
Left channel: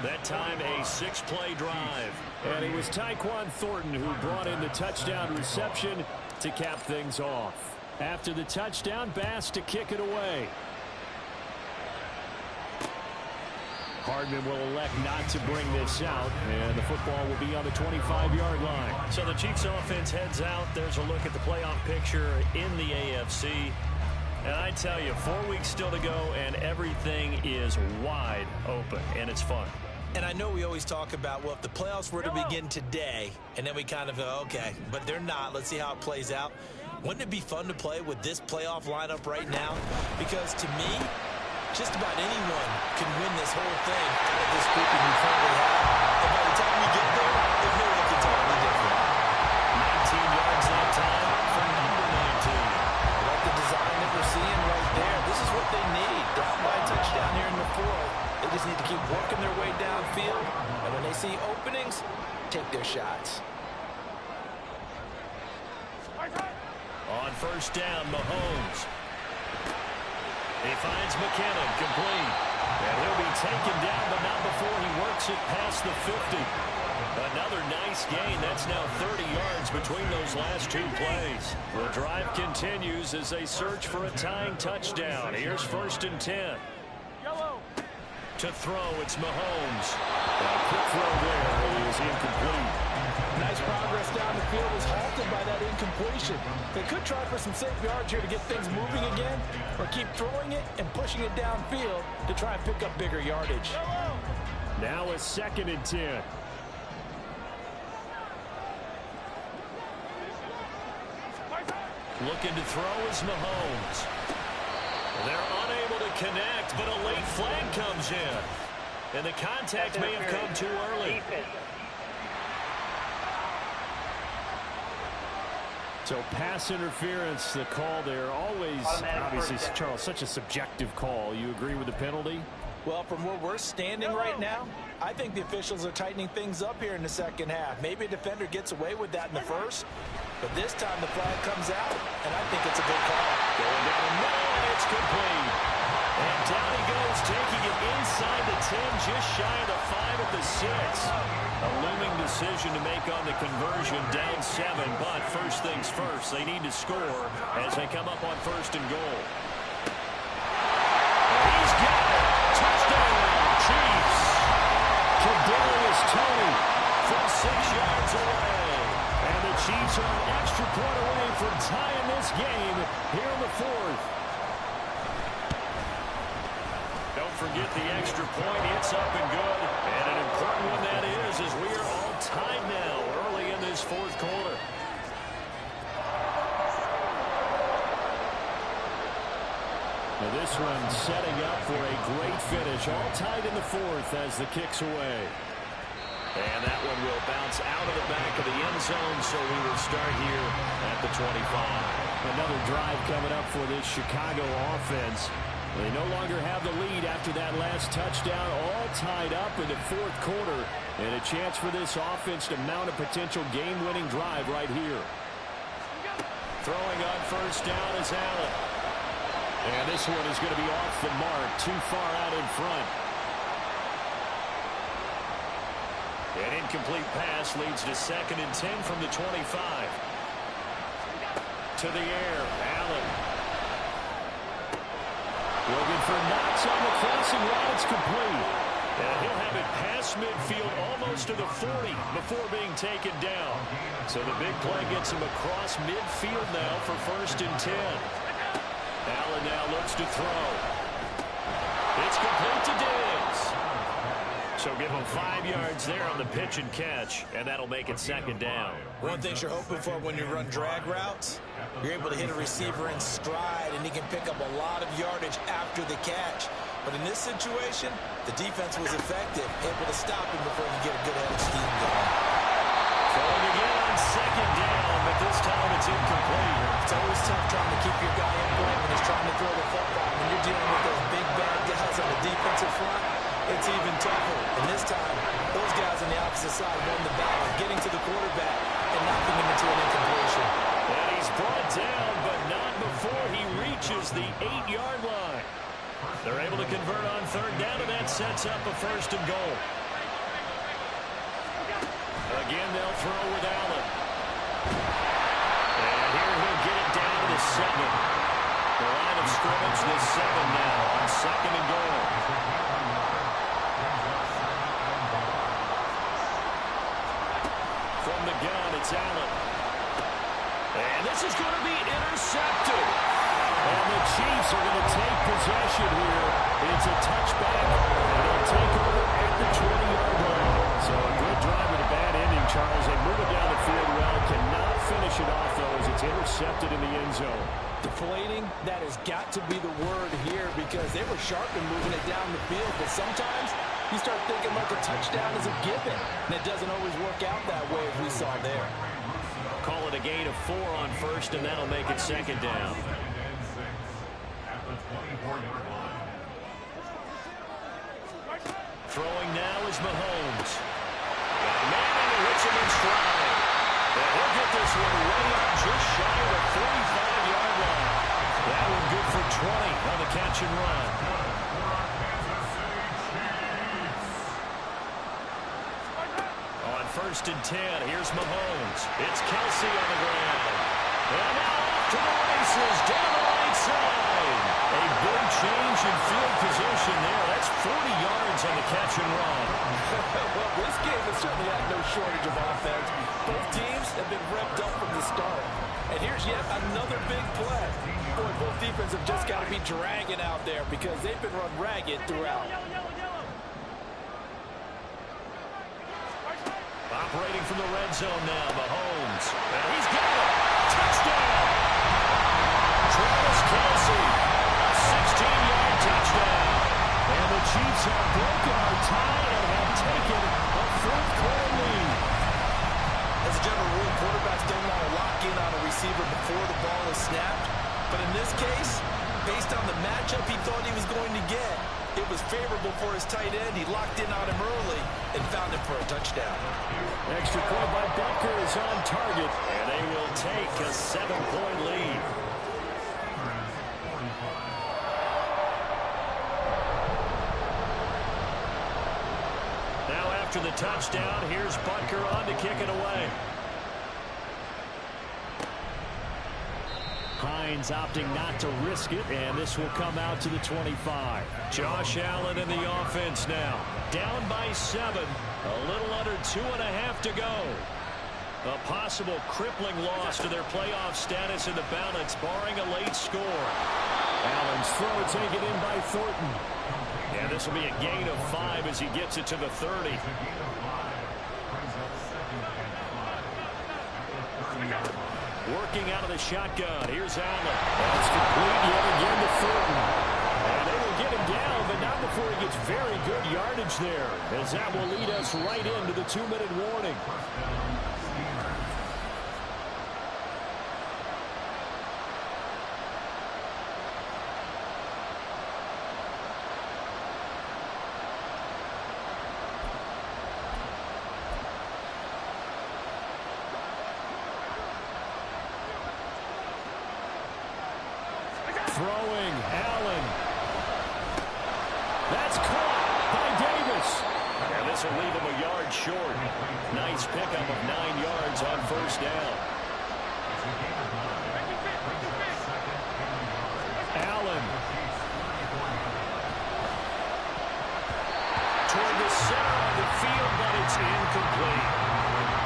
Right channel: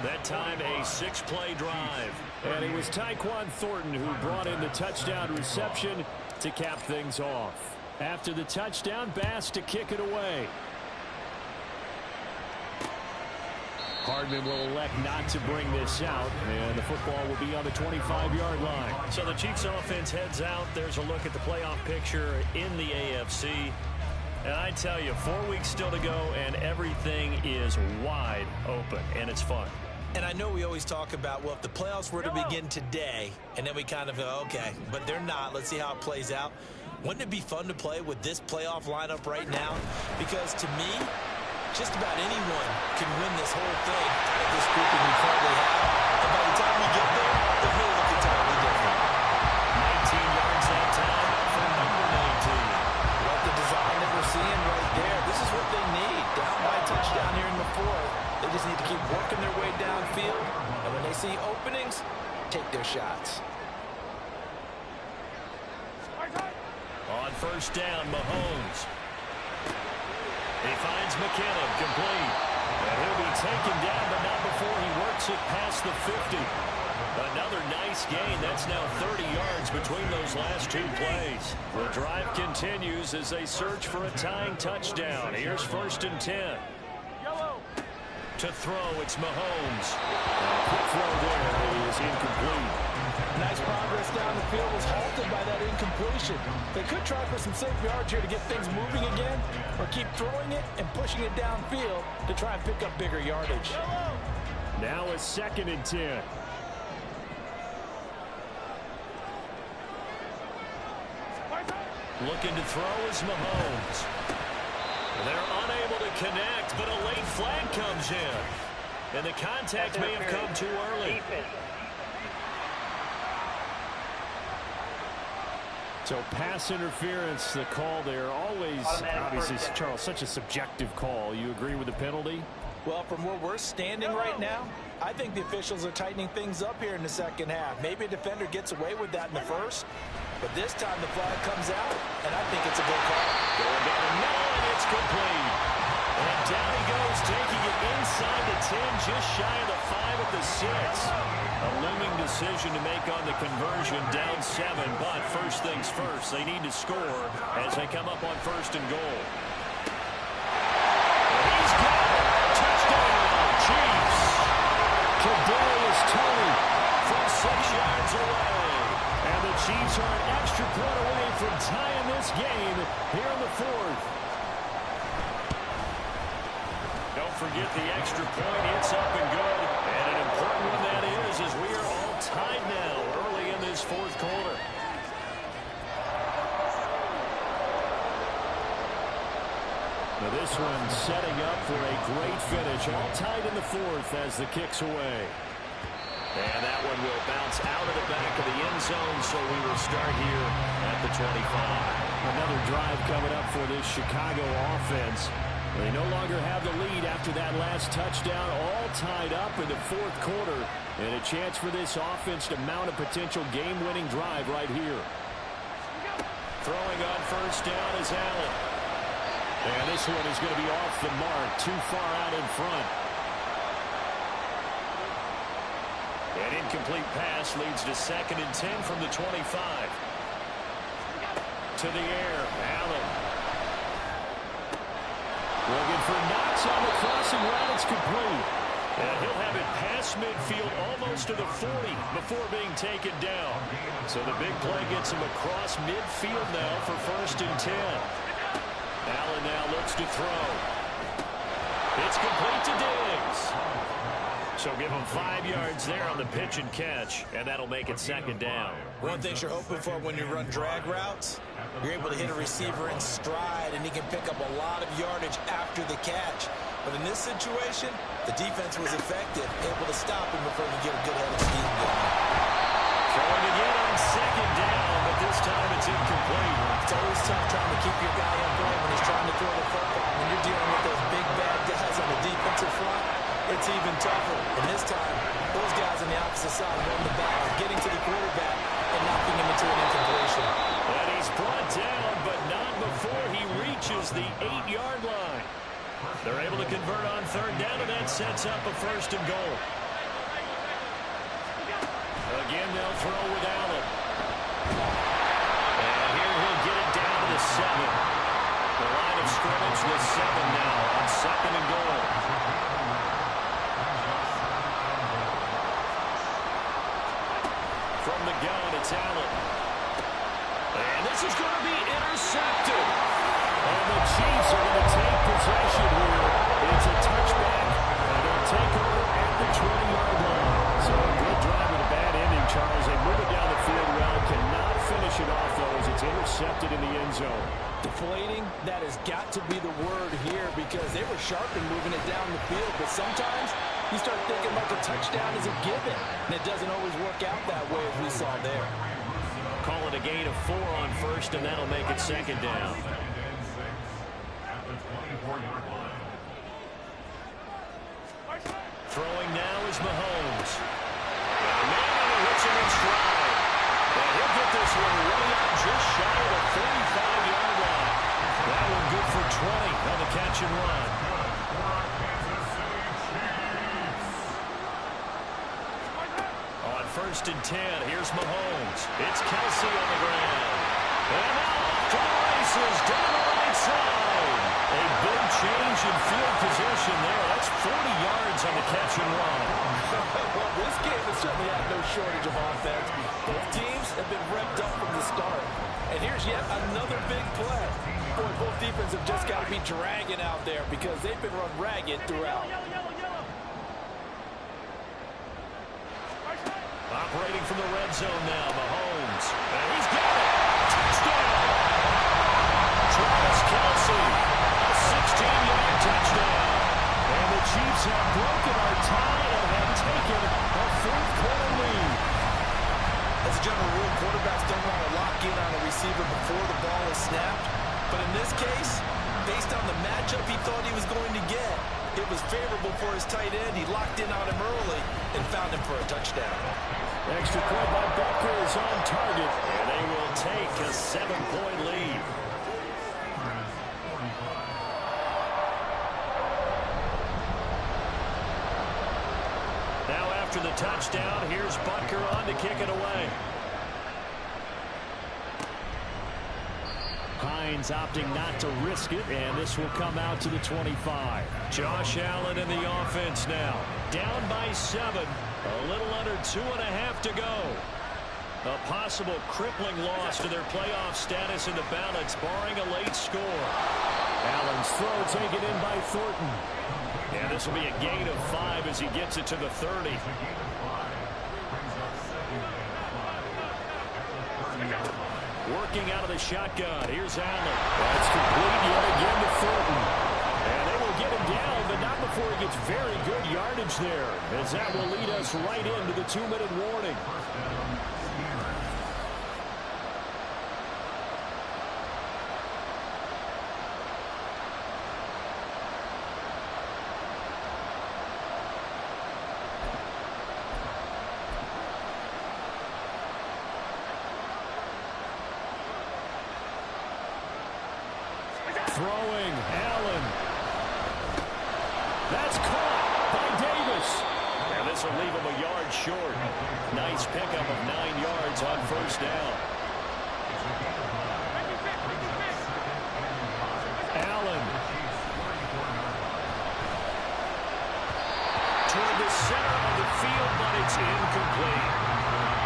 That time a 6-play drive. And it was Tyquan Thornton who brought in the touchdown reception to cap things off. After the touchdown, Bass to kick it away. Hardman will elect not to bring this out, and the football will be on the 25-yard line. So the Chiefs offense heads out. There's a look at the playoff picture in the AFC. And I tell you, 4 weeks still to go, and everything is wide open, and it's fun. And I know we always talk about, well, if the playoffs were to begin today, and then we kind of go, okay, but they're not. Let's see how it plays out. Wouldn't it be fun to play with this playoff lineup right now? Because to me, just about anyone can win this whole thing out of this grouping we currently have. And by the time we get there, it may look entirely different. 19 yards that time for number 19. Like the design that we're seeing right there, this is what they need. Down by a touchdown here in the fourth. They just need to keep working their way downfield. And when they see openings, take their shots. On first down, Mahomes. He finds McKinnon complete. And he'll be taken down, but not before he works it past the 50. Another nice gain. That's now 30 yards between those last two plays. The drive continues as they search for a tying touchdown. Here's 1st and 10. To throw, it's Mahomes. A quick throw there is incomplete. Nice progress down the field was halted by that incompletion. They could try for some safe yards here to get things moving again, or keep throwing it and pushing it downfield to try and pick up bigger yardage. Now a 2nd and 10. Looking to throw is Mahomes. They're unable to connect, but a late flag comes in. And the contact may have come too early. So pass interference, the call there. Always, obviously, Charles, such a subjective call. You agree with the penalty? Well, from where we're standing right now, I think the officials are tightening things up here in the second half. Maybe a defender gets away with that in the first, but this time the flag comes out, and I think it's a good call. Going down the middle, and it's complete. And down he goes, taking it inside the 10, just shy of the 5 at the 6. A looming decision to make on the conversion, down 7, but first things first, they need to score as they come up on 1st and goal. And he's got it. Touchdown, Chiefs. Kadarius Toney from 6 yards away. And the Chiefs are an extra point away from tying this game here in the 4th. Don't forget the extra point. It's up and good. And an important one that is, as we are all tied now early in this 4th quarter. Now this one setting up for a great finish. All tied in the 4th as the kick's away. And that one will bounce out of the back of the end zone, so we will start here at the 25. Another drive coming up for this Chicago offense. They no longer have the lead after that last touchdown, all tied up in the 4th quarter. And a chance for this offense to mount a potential game-winning drive right here. Throwing on first down is Allen. And this one is going to be off the mark, too far out in front. An incomplete pass leads to 2nd and 10 from the 25. To the air, Allen. Looking for Knox on the crossing route. It's complete. And he'll have it past midfield almost to the 40 before being taken down. So the big play gets him across midfield now for 1st and 10. Allen now looks to throw. It's complete to Diggs. So give him 5 yards there on the pitch and catch, and that'll make it 2nd down. One thing you're hoping for when you run drag routes, you're able to hit a receiver in stride, and he can pick up a lot of yardage after the catch. But in this situation, the defense was effective, able to stop him before he could get a good head of steam going. Throwing again on 2nd down, but this time it's incomplete. It's always tough trying to keep your guy upright when he's trying to throw the football. When you're dealing with those big, bad guys on the defensive front, it's even tougher. And this time, those guys on the opposite side won the battle, getting to the quarterback and knocking him into an incompletion. And he's brought down, but not before he reaches the 8-yard line. They're able to convert on 3rd down, and that sets up a 1st and goal. Again, they'll throw with Allen. And here he'll get it down to the 7. The line of scrimmage, the 7 now on 2nd and goal. From the gun, it's Allen. And this is going to be intercepted. And the Chiefs are going to take possession here. It's a touchback, and they'll take over at the 20-yard line. So a good drive with a bad ending, Charles. They move it down the field well. Cannot finish it off, though, as it's intercepted in the end zone. Deflating, that has got to be the word here because they were sharp in moving it down the field. But sometimes you start thinking like a touchdown is a given, and it doesn't always work out that way as we saw there. Call it a gain of 4 on 1st, and that'll make it 2nd down. Throwing now is Mahomes. Got a man and he hits him in stride. And he'll get this one way up just shy of the 45-yard line. That one good for 20 on the catch and run. On 1st and 10, here's Mahomes. It's Kelsey on the ground. And now off to the races down the right side. A big change in field position there. That's 40 yards on the catch and run. Well, this game has certainly had no shortage of offense. Both teams have been revved up from the start. And here's yet another big play. Boy, both defenses have just got to be dragging out there because they've been run ragged throughout. Operating from the red zone now, Mahomes. And he's got it. Touchdown. Travis Kelsey. A 16-yard touchdown. And the Chiefs have broken our tie and have taken a 4th-quarter lead. As a general rule, quarterbacks don't want to lock in on a receiver before the ball is snapped. But in this case, based on the matchup he thought he was going to get, it was favorable for his tight end. He locked in on him early and found him for a touchdown. Extra point by Butker is on target, and they will take a 7-point lead. Now after the touchdown, here's Butker on to kick it away. Hines opting not to risk it, and this will come out to the 25. Josh Allen in the offense now. Down by 7. A little under 2.5 to go. A possible crippling loss to their playoff status in the balance, barring a late score. Allen's throw taken in by Thornton. And this will be a gain of 5 as he gets it to the 30. Working out of the shotgun. Here's Allen. That's complete yet again to Thornton. And they will get him down, but not before he gets very good yardage there, as that will lead us right into the 2-minute warning. Throwing, Allen. That's caught by Davis. And this will leave him a yard short. Nice pickup of 9 yards on 1st down. Allen. Toward the center of the field, but it's incomplete.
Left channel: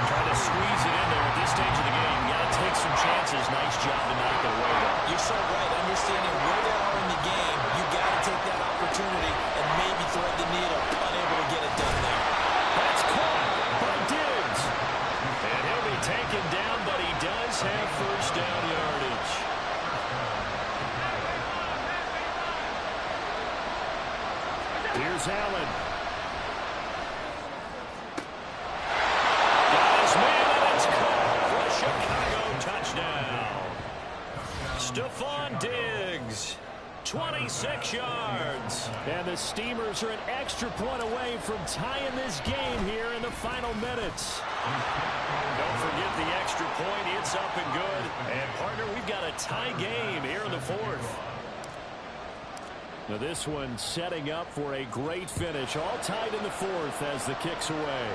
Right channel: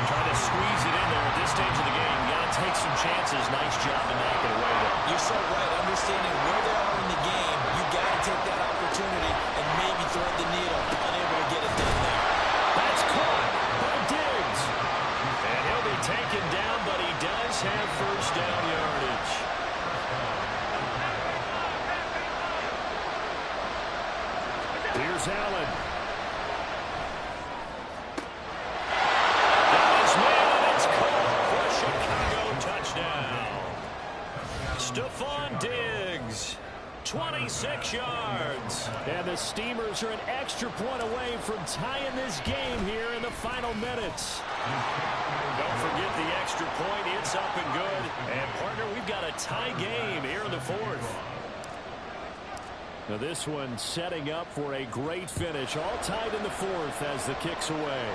Trying to squeeze it in there at this stage of the game. Got to take some chances. Nice job to knock it away, though. You're so right. Understanding where they are in the game, you got to take that opportunity and maybe thread the needle. Unable to get it done there. That's caught by Diggs. And he'll be taken down, but he does have 1st down yardage. Here's Allen. Man, and it's caught for a Chicago touchdown. Stephon Diggs, 26 yards. And the Steamers are an extra point away from tying this game here in the final minutes. Don't forget the extra point. It's up and good. And, partner, we've got a tie game here in the 4th. Now this one setting up for a great finish. All tied in the 4th as the kick's away.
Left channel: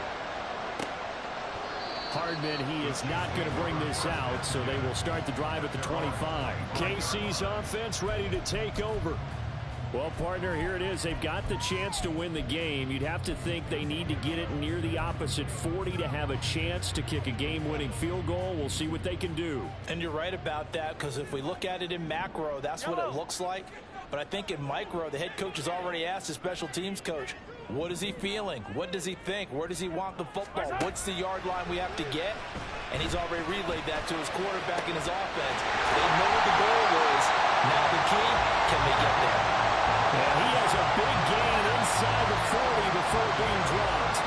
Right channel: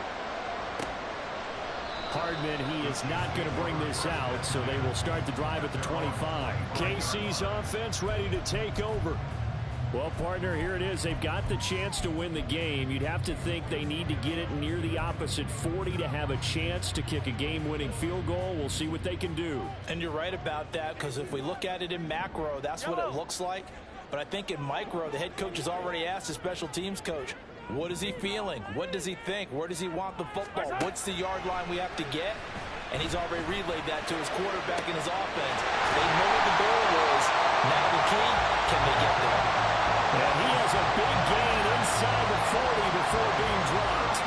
Hardman, he is not going to bring this out, so they will start the drive at the 25. KC's offense ready to take over. Well, partner, here it is. They've got the chance to win the game. You'd have to think they need to get it near the opposite 40 to have a chance to kick a game-winning field goal. We'll see what they can do. And you're right about that, because if we look at it in macro, that's what it looks like. But I think in micro, the head coach has already asked the special teams coach, what is he feeling? What does he think? Where does he want the football? What's the yard line we have to get? And he's already relayed that to his quarterback in his offense. They know what the goal is. Now the key, can they get there? And he has a big gain inside the 40 before being dropped.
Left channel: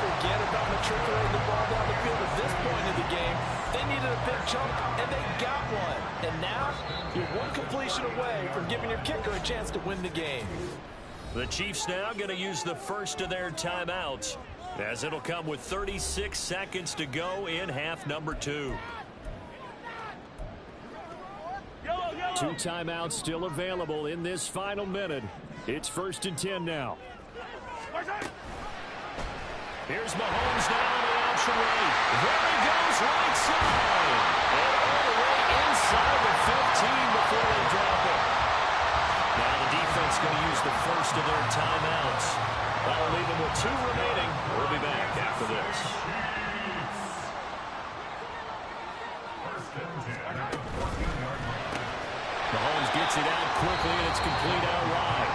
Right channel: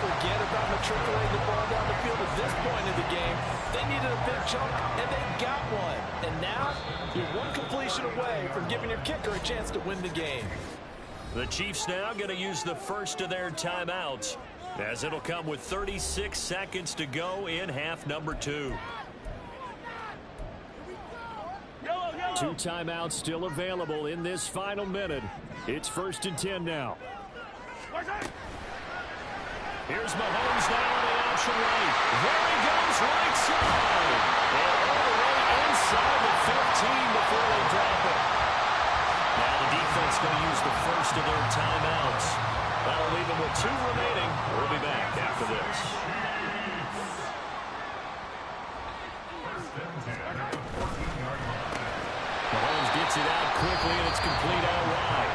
Forget about matriculating the ball down the field at this point of the game. They needed a big chunk, and they got one. And now, you're one completion away from giving your kicker a chance to win the game. The Chiefs now going to use the first of their timeouts, as it'll come with 36 seconds to go in half number 2. 2 timeouts still available in this final minute. It's 1st and 10 now. Here's Mahomes now on the option right. There he goes, right side. And all the way inside the 15 before they drop it. Now the defense going to use the first of their timeouts. That'll leave them with 2 remaining. We'll be back after this. Mahomes gets it out quickly, and it's complete out wide.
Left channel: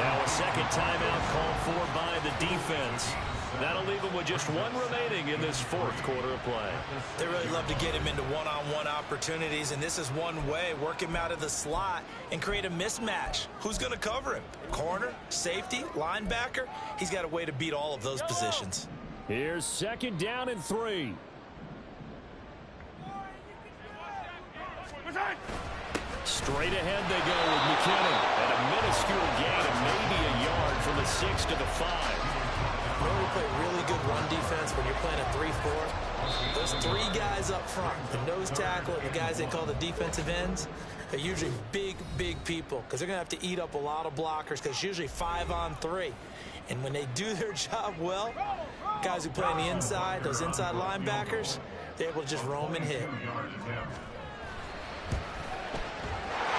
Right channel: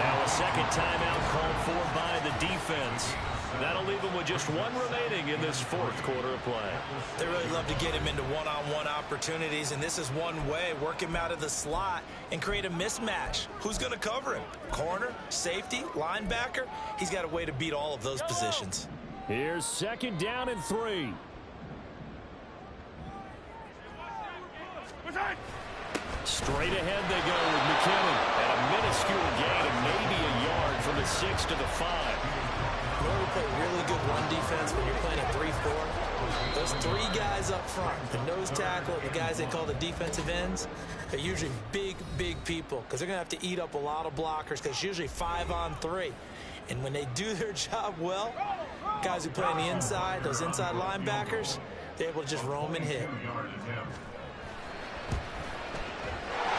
Now a second timeout called for by the defense. That'll leave him with just 1 remaining in this 4th quarter of play. They really love to get him into one-on-one opportunities, and this is one way. Work him out of the slot and create a mismatch. Who's going to cover him? Corner, safety, linebacker? He's got a way to beat all of those positions. Here's 2nd down and 3. Straight ahead they go with McKinnon. And a minuscule gain of maybe a yard from the 6 to the 5. You know, we play really good run defense when you're playing a 3-4. Those 3 guys up front, the nose tackle and the guys they call the defensive ends, are usually big, big people because they're going to have to eat up a lot of blockers because it's usually 5-on-3. And when they do their job well, guys who play on the inside, those inside linebackers, they're able to just roam and hit.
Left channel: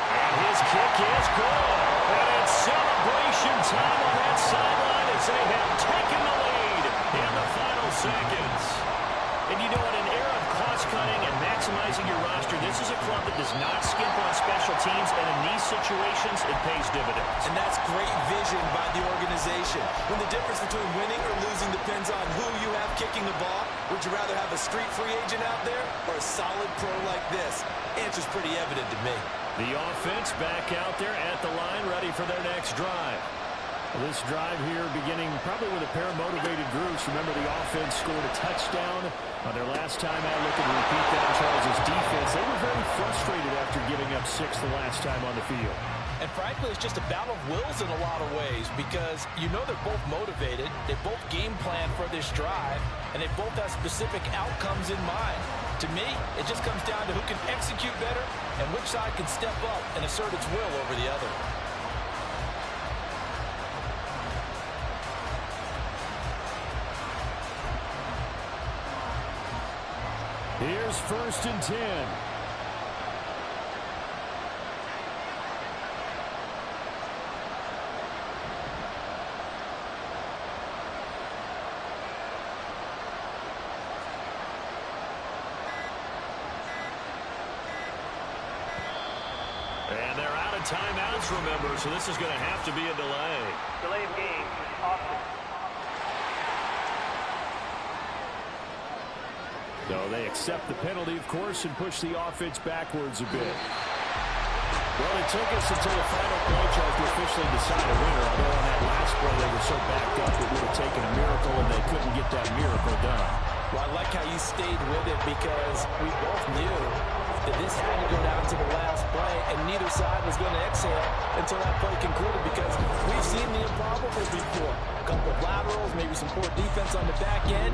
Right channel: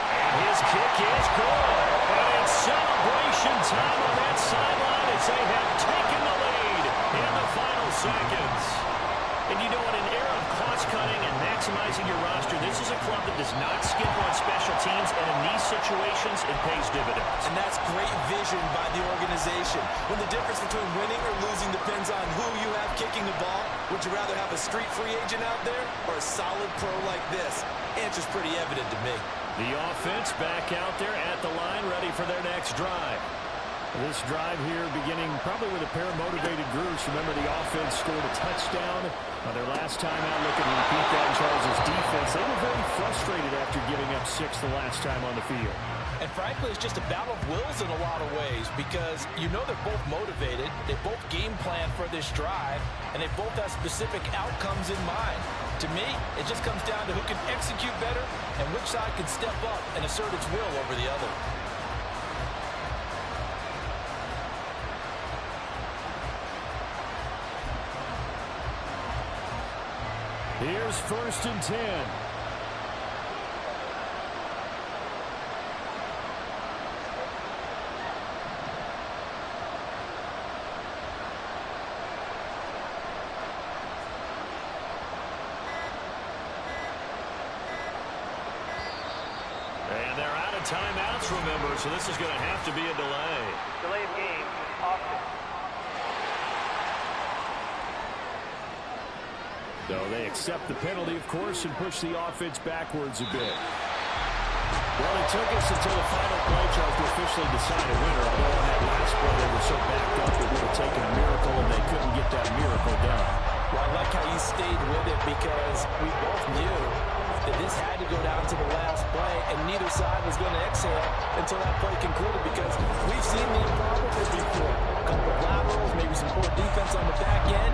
And his kick is good. And it's celebration time on that sideline as they have taken the lead in the final seconds. And you know, in an era of cost-cutting and maximizing your roster, this is a club that does not skimp on special teams, and in these situations, it pays dividends. And that's great vision by the organization. When the difference between winning or losing depends on who you have kicking the ball, would you rather have a street free agent out there or a solid pro like this? Answer's pretty evident to me. The offense back out there at the line, ready for their next drive. This drive here beginning probably with a pair of motivated groups. Remember, the offense scored a touchdown on their last time out. Looking to repeat that in Charles' defense. They were very frustrated after giving up 6 the last time on the field. And frankly, it's just a battle of wills in a lot of ways because you know they're both motivated. They both game plan for this drive, and they both have specific outcomes in mind. To me, it just comes down to who can execute better and which side can step up and assert its will over the other. Here's 1st and 10. And they're out of timeouts, remember, so this is going to have to be a delay. Delay of game, offense. So they accept the penalty, of course, and push the offense backwards a bit. Well, it took us until the final play, Charles, to officially decide a winner. Although on that last play, they were so backed up, it would have taken a miracle, and they couldn't get that miracle done. Well, I like how you stayed with it because we both knew that this had to go down to the last play, and neither side was going to exhale until that play concluded because we've seen the improbable before. A couple of laterals, maybe some poor defense on the back end,